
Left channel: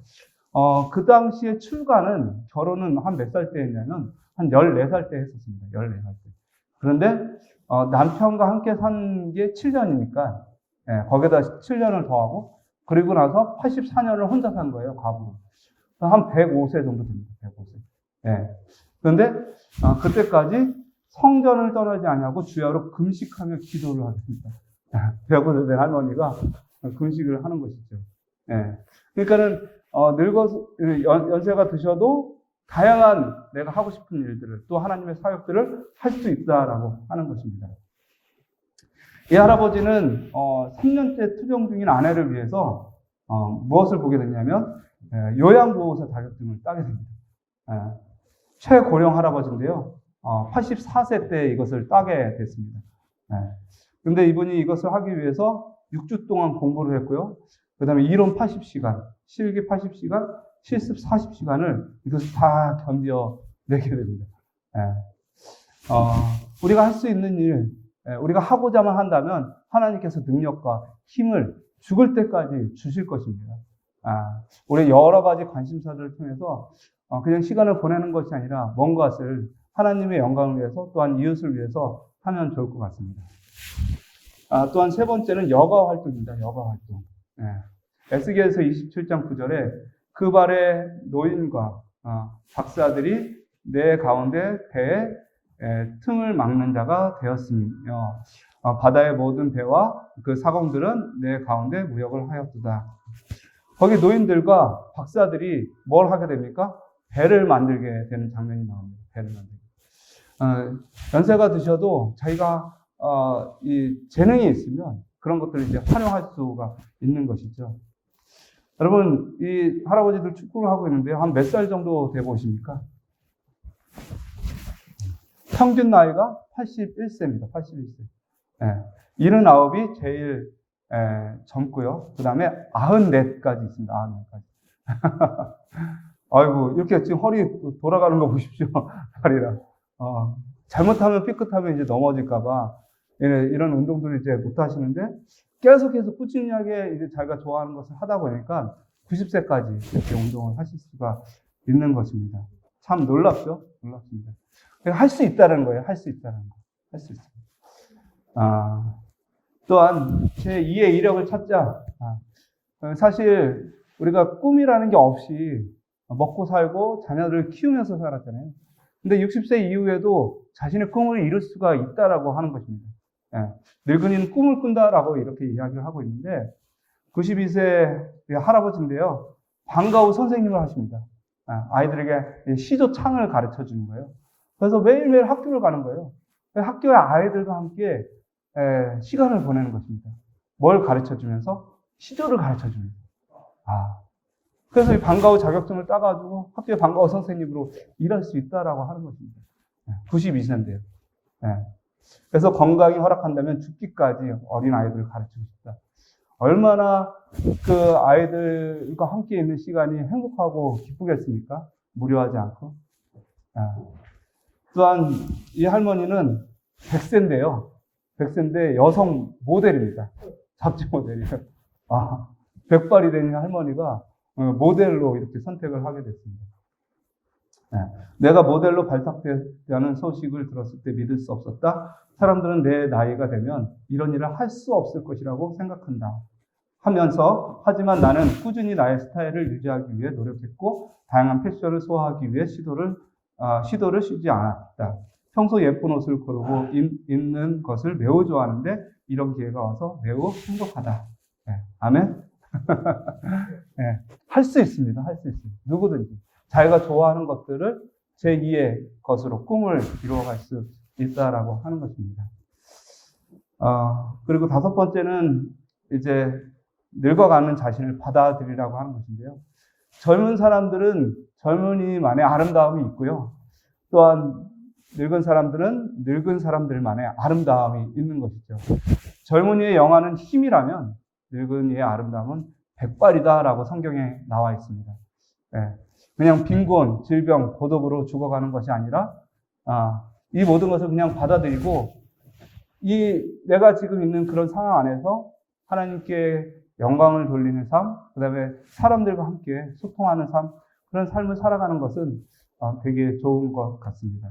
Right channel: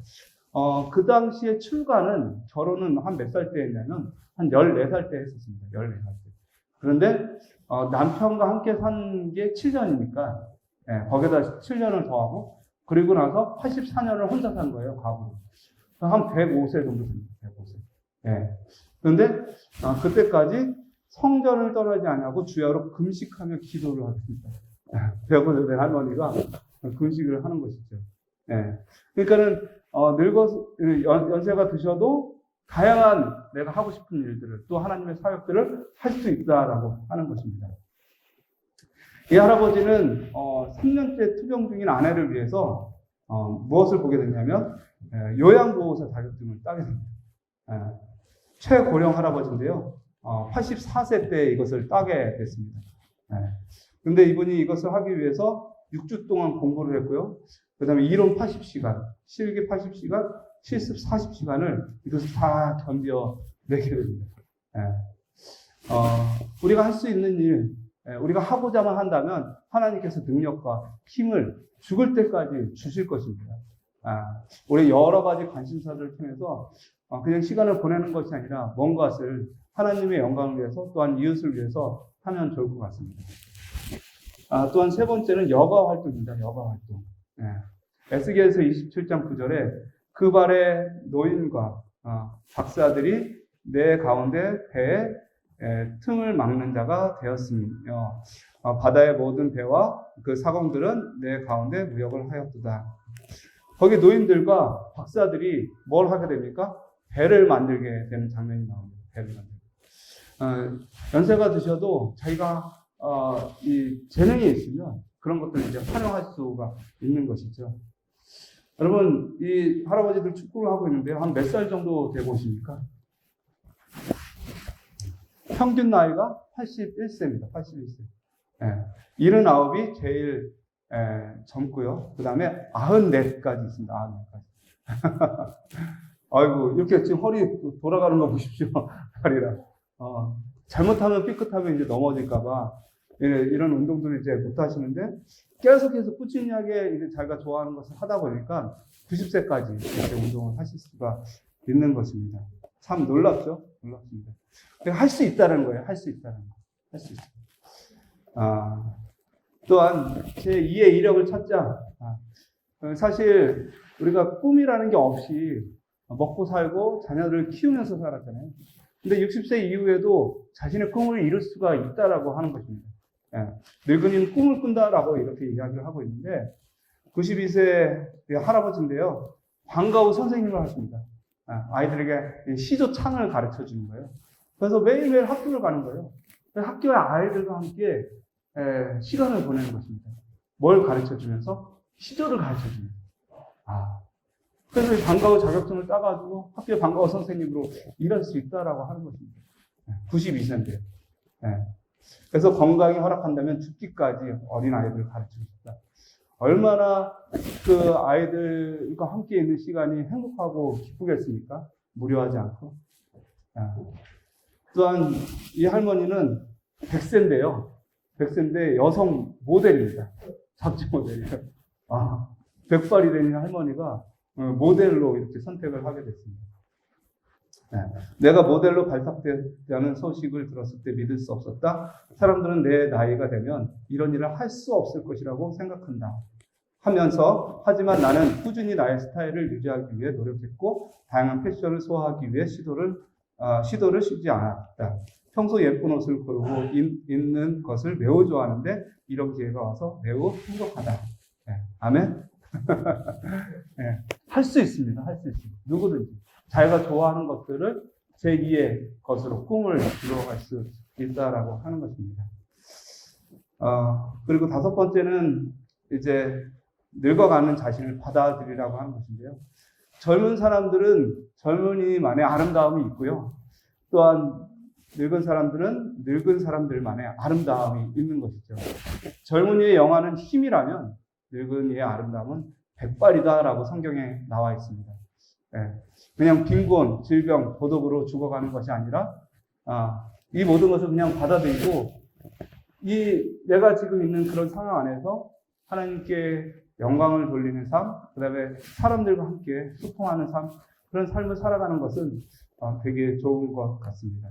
그 당시에 결혼은 한 몇 살 때 했냐면, 한 14살 때 했었습니다. 14살 때. 그런데, 남편과 함께 산 게 7년이니까, 거기다 7년을 더하고, 그리고 나서 84년을 혼자 산 거예요, 과부로. 한 105세 정도 됩니다, 105세. 그런데, 그때까지 성전을 떠나지 않고 주야로 금식하며 기도를 합니다. 105세 된 할머니가 금식을 하는 것이죠. 그러니까는, 연세가 드셔도 다양한 내가 하고 싶은 일들을 또 하나님의 사역들을 할 수 있다라고 하는 것입니다. 이 할아버지는 3년째 투병 중인 아내를 위해서 무엇을 보게 됐냐면 요양보호사 자격증을 따게 됩니다. 최고령 할아버지인데요. 84세 때 이것을 따게 됐습니다. 근데 이분이 이것을 하기 위해서 6주 동안 공부를 했고요. 그 다음에 이론 80시간, 실기 80시간, 실습 40시간을 이것을 다 견뎌내게 됩니다. 우리가 할 수 있는 일, 우리가 하고자만 한다면 하나님께서 능력과 힘을 죽을 때까지 주실 것입니다. 우리 여러 가지 관심사들을 통해서 그냥 시간을 보내는 것이 아니라 뭔 것을 하나님의 영광을 위해서 또한 이웃을 위해서 하면 좋을 것 같습니다. 또한 세 번째는 여가 활동입니다. 여가 활동. 에스겔서 27장 9절에 그 발에 노인과 박사들이 내 가운데 배에 틈을 막는 자가 되었으며 바다의 모든 배와 그 사공들은 내 가운데 무역을 하였도다. 거기 노인들과 박사들이 뭘 하게 됩니까? 배를 만들게 되는 장면이 나옵니다. 배를 만들게. 연세가 드셔도 자기가 이 재능이 있으면 그런 것들을 이제 활용할 수가 있는 것이죠. 여러분, 이 할아버지들 축구를 하고 있는데요. 한 몇 살 정도 되고 오십니까? 평균 나이가 81세입니다. 81세. 79이 제일 젊고요. 그 다음에 94까지 있습니다. 94까지. 아이고, 이렇게 지금 허리 돌아가는 거 보십시오. 다리랑. 잘못하면 삐끗하면 이제 넘어질까봐 이런 운동들을 이제 못 하시는데 계속해서 꾸준하게 이제 자기가 좋아하는 것을 하다 보니까 90세까지 이렇게 운동을 하실 수가 있는 것입니다. 참 놀랍죠? 놀랍습니다. 할 수 있다는 거예요. 할 수 있다는 거. 할 수 있어요. 또한 제2의 이력을 찾자. 사실 우리가 꿈이라는 게 없이 먹고 살고 자녀를 키우면서 살았잖아요. 근데 60세 이후에도 자신의 꿈을 이룰 수가 있다라고 하는 것입니다. 늙은이는 꿈을 꾼다라고 이렇게 이야기를 하고 있는데 92세 할아버지인데요. 방과 후 선생님을 하십니다. 아이들에게 시조 창을 가르쳐 주는 거예요. 그래서 매일매일 학교를 가는 거예요. 학교에 아이들과 함께 시간을 보내는 것입니다. 뭘 가르쳐 주면서? 시조를 가르쳐 주면서. 그래서 방과 후 자격증을 따가지고 학교의 방과 후 선생님으로 일할 수 있다라고 하는 것입니다. 92세인데요. 그래서 건강이 허락한다면 죽기까지 어린아이들을 가르치고 싶다. 얼마나 그 아이들과 함께 있는 시간이 행복하고 기쁘겠습니까? 무료하지 않고. 또한 이 할머니는 100세인데요. 100세인데 여성 모델입니다. 잡지 모델이에요. 백발이 된 할머니가 모델로 이렇게 선택을 하게 됐습니다. 내가 모델로 발탁되는 소식을 들었을 때 믿을 수 없었다. 사람들은 내 나이가 되면 이런 일을 할 수 없을 것이라고 생각한다. 하지만 나는 꾸준히 나의 스타일을 유지하기 위해 노력했고 다양한 패션을 소화하기 위해 시도를 쉬지 않았다. 평소 예쁜 옷을 고르고 입는 것을 매우 좋아하는데 이런 기회가 와서 매우 행복하다. 아멘. 할 수 있습니다. 할 수 있습니다. 누구든지 자기가 좋아하는 것들을 제2의 것으로 꿈을 이루어갈 수 있다라고 하는 것입니다. 그리고 다섯 번째는 이제 늙어가는 자신을 받아들이라고 하는 것인데요. 젊은 사람들은 젊은이만의 아름다움이 있고요. 또한 늙은 사람들은 늙은 사람들만의 아름다움이 있는 것이죠. 젊은이의 영화는 힘이라면 늙은이의 아름다움은 백발이다라고 성경에 나와 있습니다. 그냥 빈곤, 질병, 고독으로 죽어가는 것이 아니라 이 모든 것을 그냥 받아들이고 내가 지금 있는 그런 상황 안에서 하나님께 영광을 돌리는 삶, 그 다음에 사람들과 함께 소통하는 삶, 그런 삶을 살아가는 것은 되게 좋은 것 같습니다.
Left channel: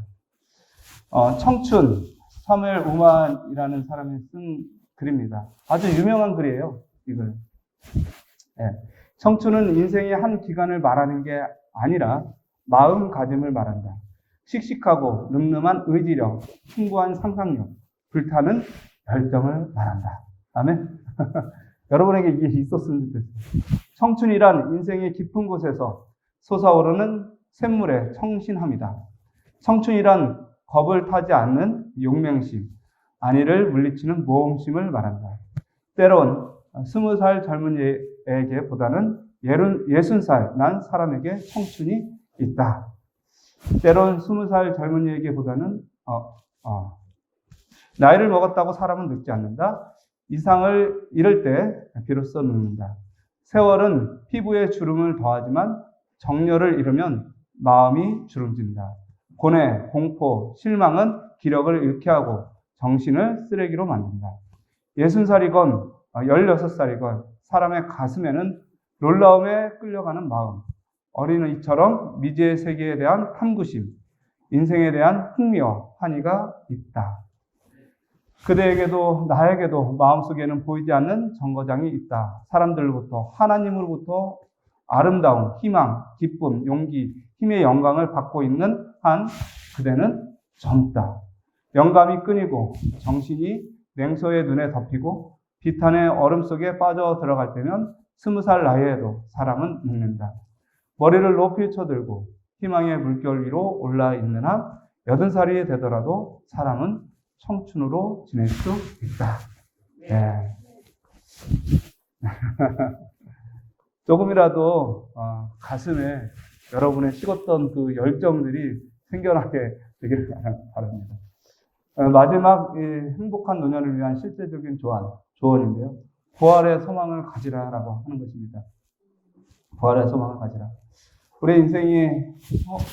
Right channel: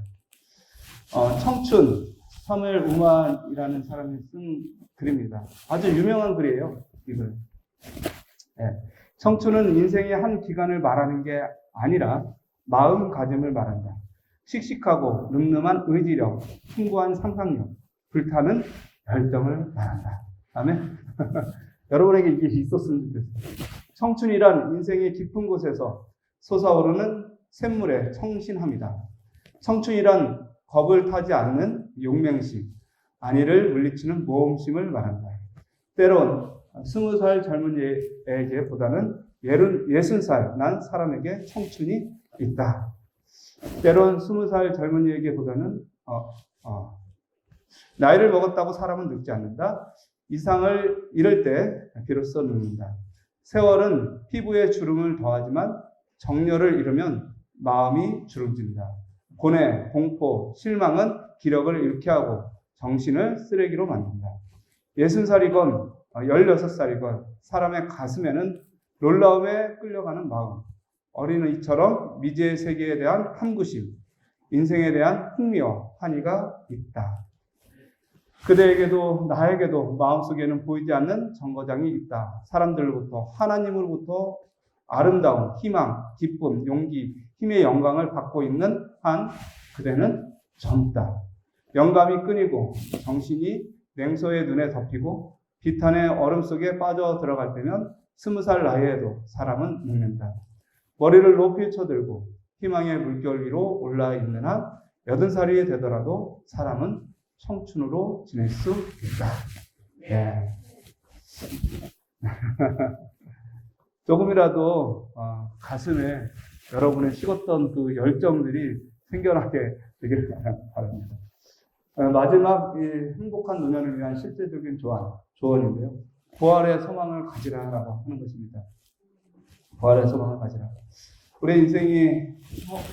청춘, 사무엘 우만이라는 사람이 쓴 글입니다. 아주 유명한 글이에요, 이글. 청춘은 인생의 한 기간을 말하는 게 아니라 마음가짐을 말한다. 씩씩하고 늠름한 의지력, 풍부한 상상력, 불타는 열정을 말한다. 아멘. 여러분에게 이게 있었으면 좋겠어요. 청춘이란 인생의 깊은 곳에서 솟아오르는 샘물에 청신합니다. 청춘이란 겁을 타지 않는 용맹심, 안위를 물리치는 모험심을 말한다. 때론 20살 젊은이에게보다는 60살 난 사람에게 청춘이 있다. 때론 20살 젊은이에게보다는 나이를 먹었다고 사람은 늙지 않는다. 이상을 잃을 때 비로소 늙는다. 세월은 피부에 주름을 더하지만 정열을 잃으면 마음이 주름진다. 고뇌, 공포, 실망은 기력을 잃게 하고 정신을 쓰레기로 만든다. 60살이건 16살이건 사람의 가슴에는 놀라움에 끌려가는 마음, 어린이처럼 미지의 세계에 대한 탐구심, 인생에 대한 흥미와 환희가 있다. 그대에게도 나에게도 마음속에는 보이지 않는 정거장이 있다. 사람들로부터, 하나님으로부터 아름다움, 희망, 기쁨, 용기, 힘의 영광을 받고 있는 한 그대는 젊다. 영감이 끊이고 정신이 냉소의 눈에 덮이고 비탄의 얼음 속에 빠져 들어갈 때면 20살 나이에도 사람은 늙는다. 머리를 높이 쳐들고 희망의 물결 위로 올라 있는 한 80살이 되더라도 사람은 청춘으로 지낼 수 있다. 예. 조금이라도 가슴에 여러분의 식었던 그 열정들이 생겨나게 되기를 바랍니다. 마지막 이 행복한 노년을 위한 실제적인 조언인데요. 부활의 소망을 가지라라고 하는 것입니다. 부활의 소망을 가지라. 우리 인생이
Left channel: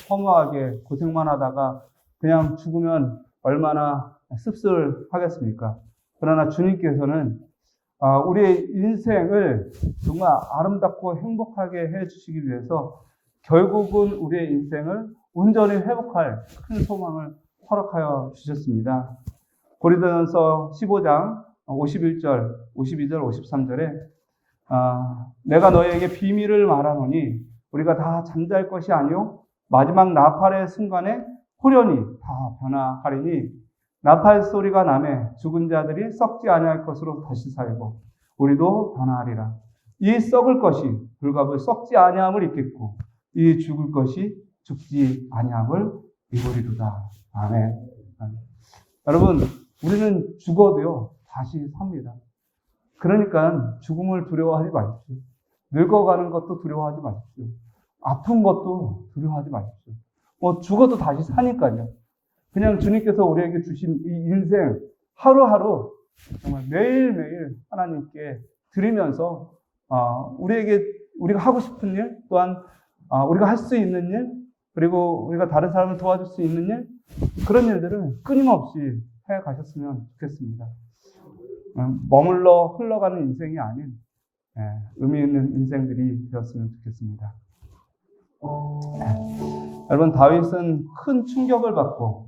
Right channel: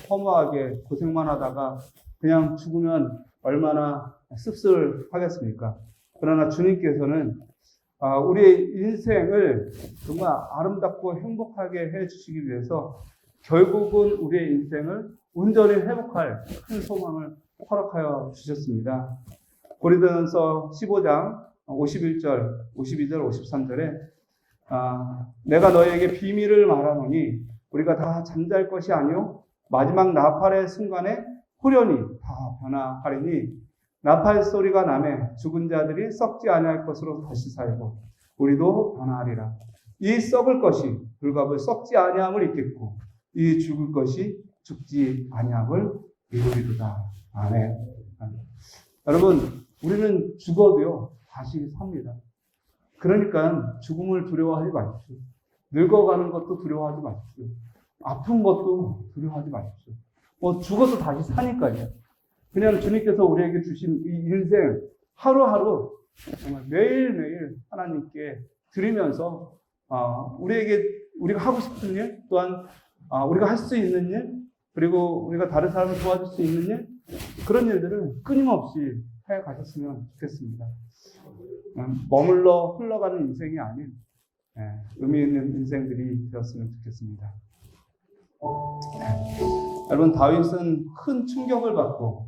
허무하게 고생만 하다가 그냥 죽으면 얼마나 씁쓸하겠습니까? 그러나 주님께서는 우리의 인생을 정말 아름답고 행복하게 해주시기 위해서 결국은 우리의 인생을 온전히 회복할 큰 소망을 허락하여 주셨습니다. 고린도전서 15장 51절, 52절, 53절에 내가 너에게 비밀을 말하노니 우리가 다 잠잘 것이 아니요 마지막 나팔의 순간에 후련히 다 변화하리니 나팔 소리가 나매 죽은 자들이 썩지 아니할 것으로 다시 살고 우리도 변화하리라. 이 썩을 것이 불갑을 썩지 아니함을 입겠고 이 죽을 것이 죽지 아니함을 이루리로다. 아멘. 여러분, 우리는 죽어도요 다시 삽니다. 그러니까 죽음을 두려워하지 마십시오. 늙어가는 것도 두려워하지 마십시오. 아픈 것도 두려워하지 마십시오. 죽어서 다시 사니까요. 그냥 주님께서 우리에게 주신 이 인생 하루하루 정말 매일매일 하나님께 드리면서 우리가 하고 싶은 일, 또한 우리가 할 수 있는 일, 그리고 우리가 다른 사람을 도와줄 수 있는 일, 그런 일들을 끊임없이 해 가셨으면 좋겠습니다. 머물러 흘러가는 인생이 아닌 의미 있는 인생들이 되었으면 좋겠습니다. 여러분, 다윗은 큰 충격을 받고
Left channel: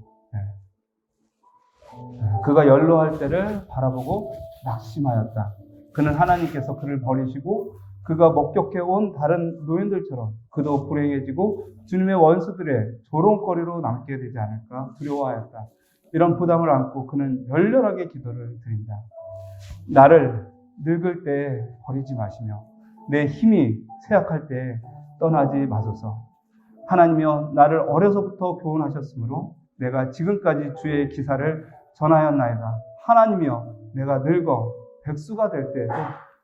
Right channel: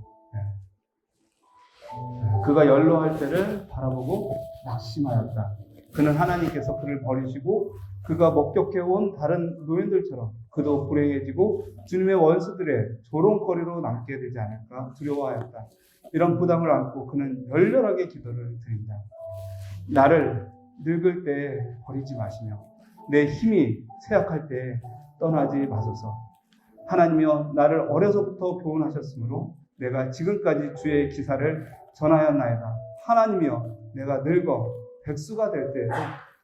그가 연로할 때를 바라보고 낙심하였다. 그는 하나님께서 그를 버리시고 그가 목격해온 다른 노인들처럼 그도 불행해지고 주님의 원수들의 조롱거리로 남게 되지 않을까 두려워하였다. 이런 부담을 안고 그는 열렬하게 기도를 드린다. 나를 늙을 때 버리지 마시며 내 힘이 쇠약할 때 떠나지 마소서. 하나님이여, 나를 어려서부터 교훈하셨으므로 내가 지금까지 주의 기사를 전하였나이다. 하나님이여, 내가 늙어 백수가 될 때에도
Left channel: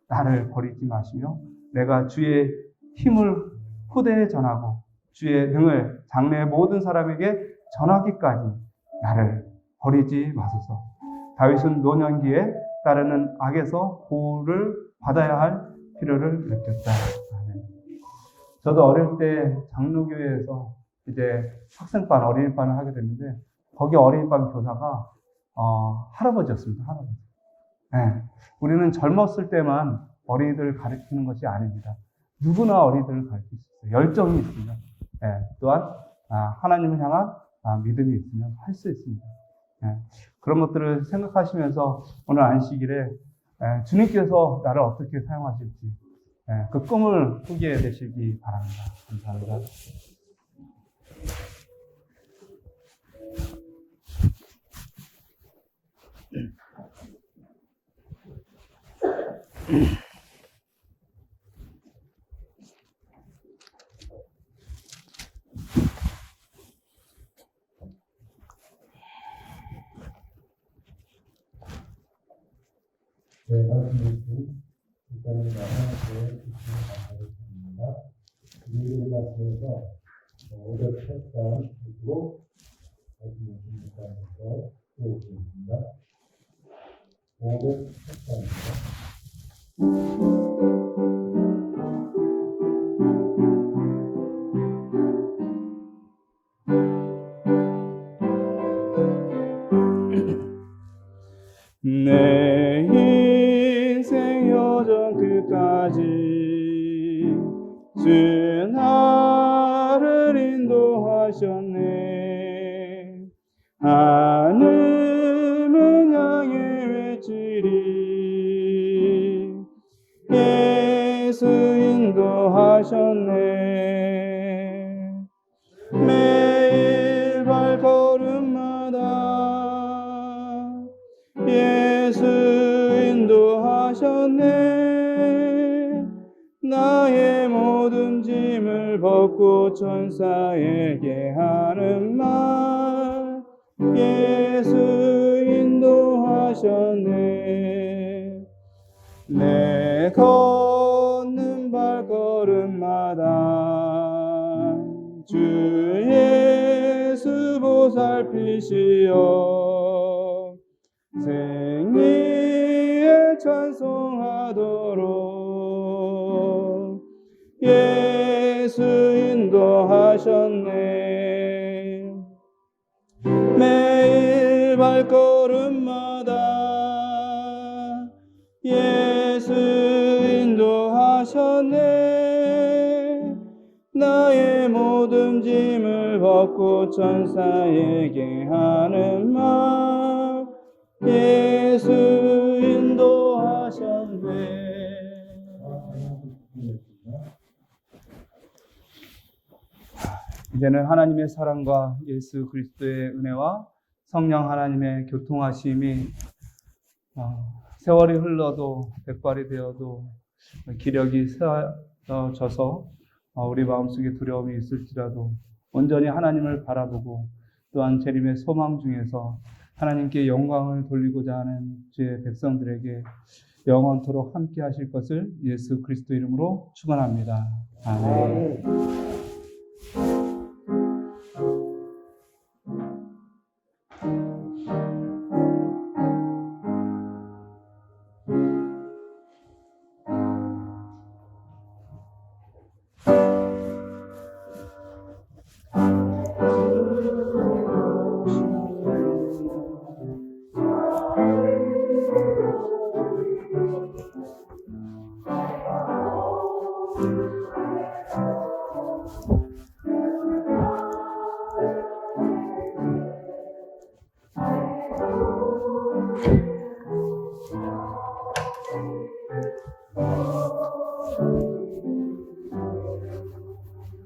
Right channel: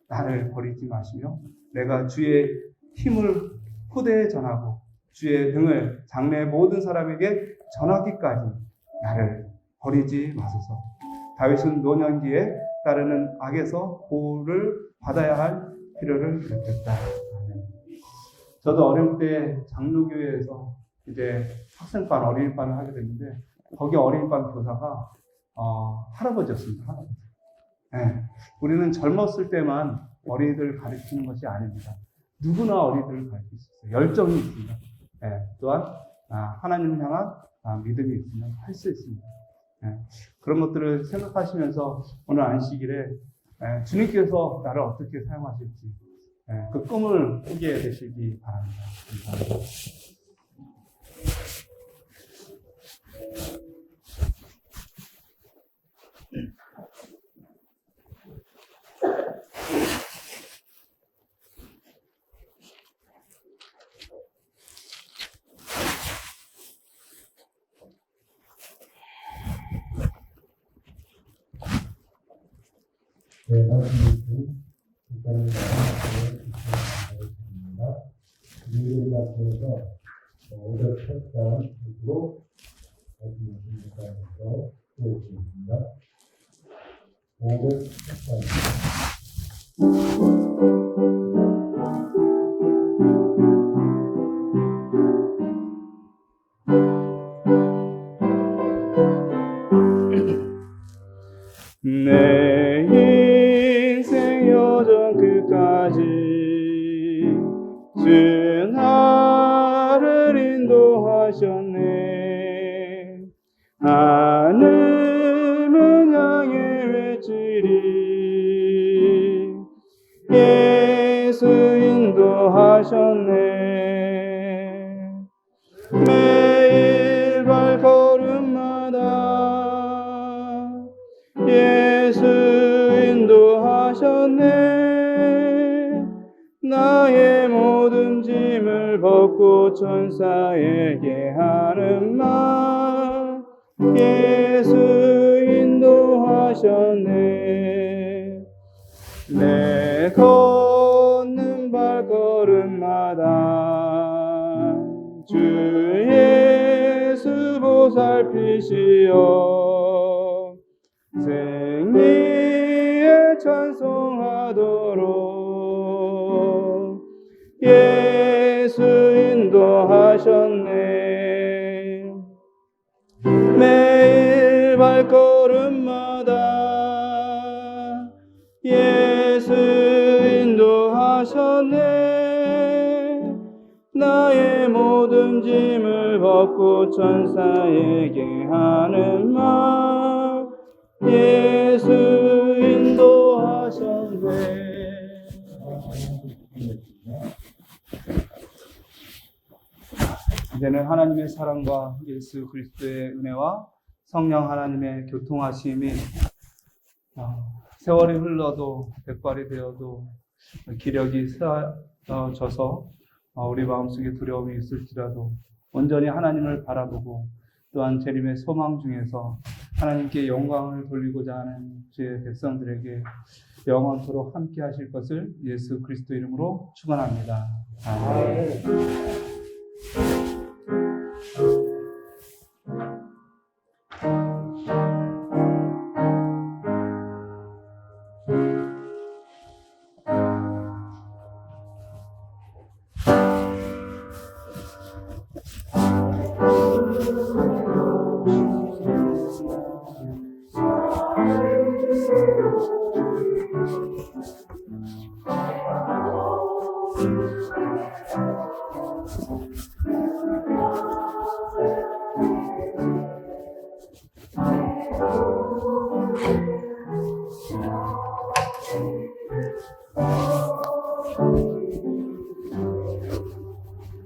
나를 버리지 마시며 내가 주의 힘을 후대에 전하고 주의 능을 장래의 모든 사람에게 전하기까지 나를 버리지 마소서. 다윗은 노년기에 따르는 악에서 보호를 받아야 할 필요를 느꼈다. 저도 어릴 때 장로교회에서 이제 학생반, 어린이반을 하게 됐는데 거기 어린이반 교사가 할아버지였습니다. 할아버지. 네. 우리는 젊었을 때만 어린이들을 가르치는 것이 아닙니다. 누구나 어린이들을 가르칠 수 있어요. 열정이 있으면. 네. 또한 하나님을 향한 믿음이 있으면 할 수 있습니다. 네. 그런 것들을 생각하시면서 오늘 안식일에 주님께서 나를 어떻게 사용하실지 그 꿈을 꾸게 되시기 바랍니다. 감사합니다. 네, 말씀드린 일단은 나라마트에 있습니다. 미국을 맞춰서 508장으로 말씀드리면서 보여드리겠습니다. 508장. 인도하셨네. 나의 모든 짐을 벗고 천사에게 하는 말 예수 인도하셨네. 내 걷는 발걸음마다 주 예수 보살피시어 승리에 찬송하도록 예수 인도하셨네. 매일 발걸음마다 예수 인도하셨네. 나의 모든 짐을 벗고 천사에게 하는 말 예수 인도하셨네. 이제는 하나님의 사랑과 예수 그리스도의 은혜와 성령 하나님의 교통하심이 세월이 흘러도 백발이 되어도 기력이 쇠져서 우리 마음속에 두려움이 있을지라도 온전히 하나님을 바라보고 또한 재림의 소망 중에서 하나님께 영광을 돌리고자 하는 주의 백성들에게 영원토록 함께 하실 것을 예수 그리스도 이름으로 축원합니다. 아멘.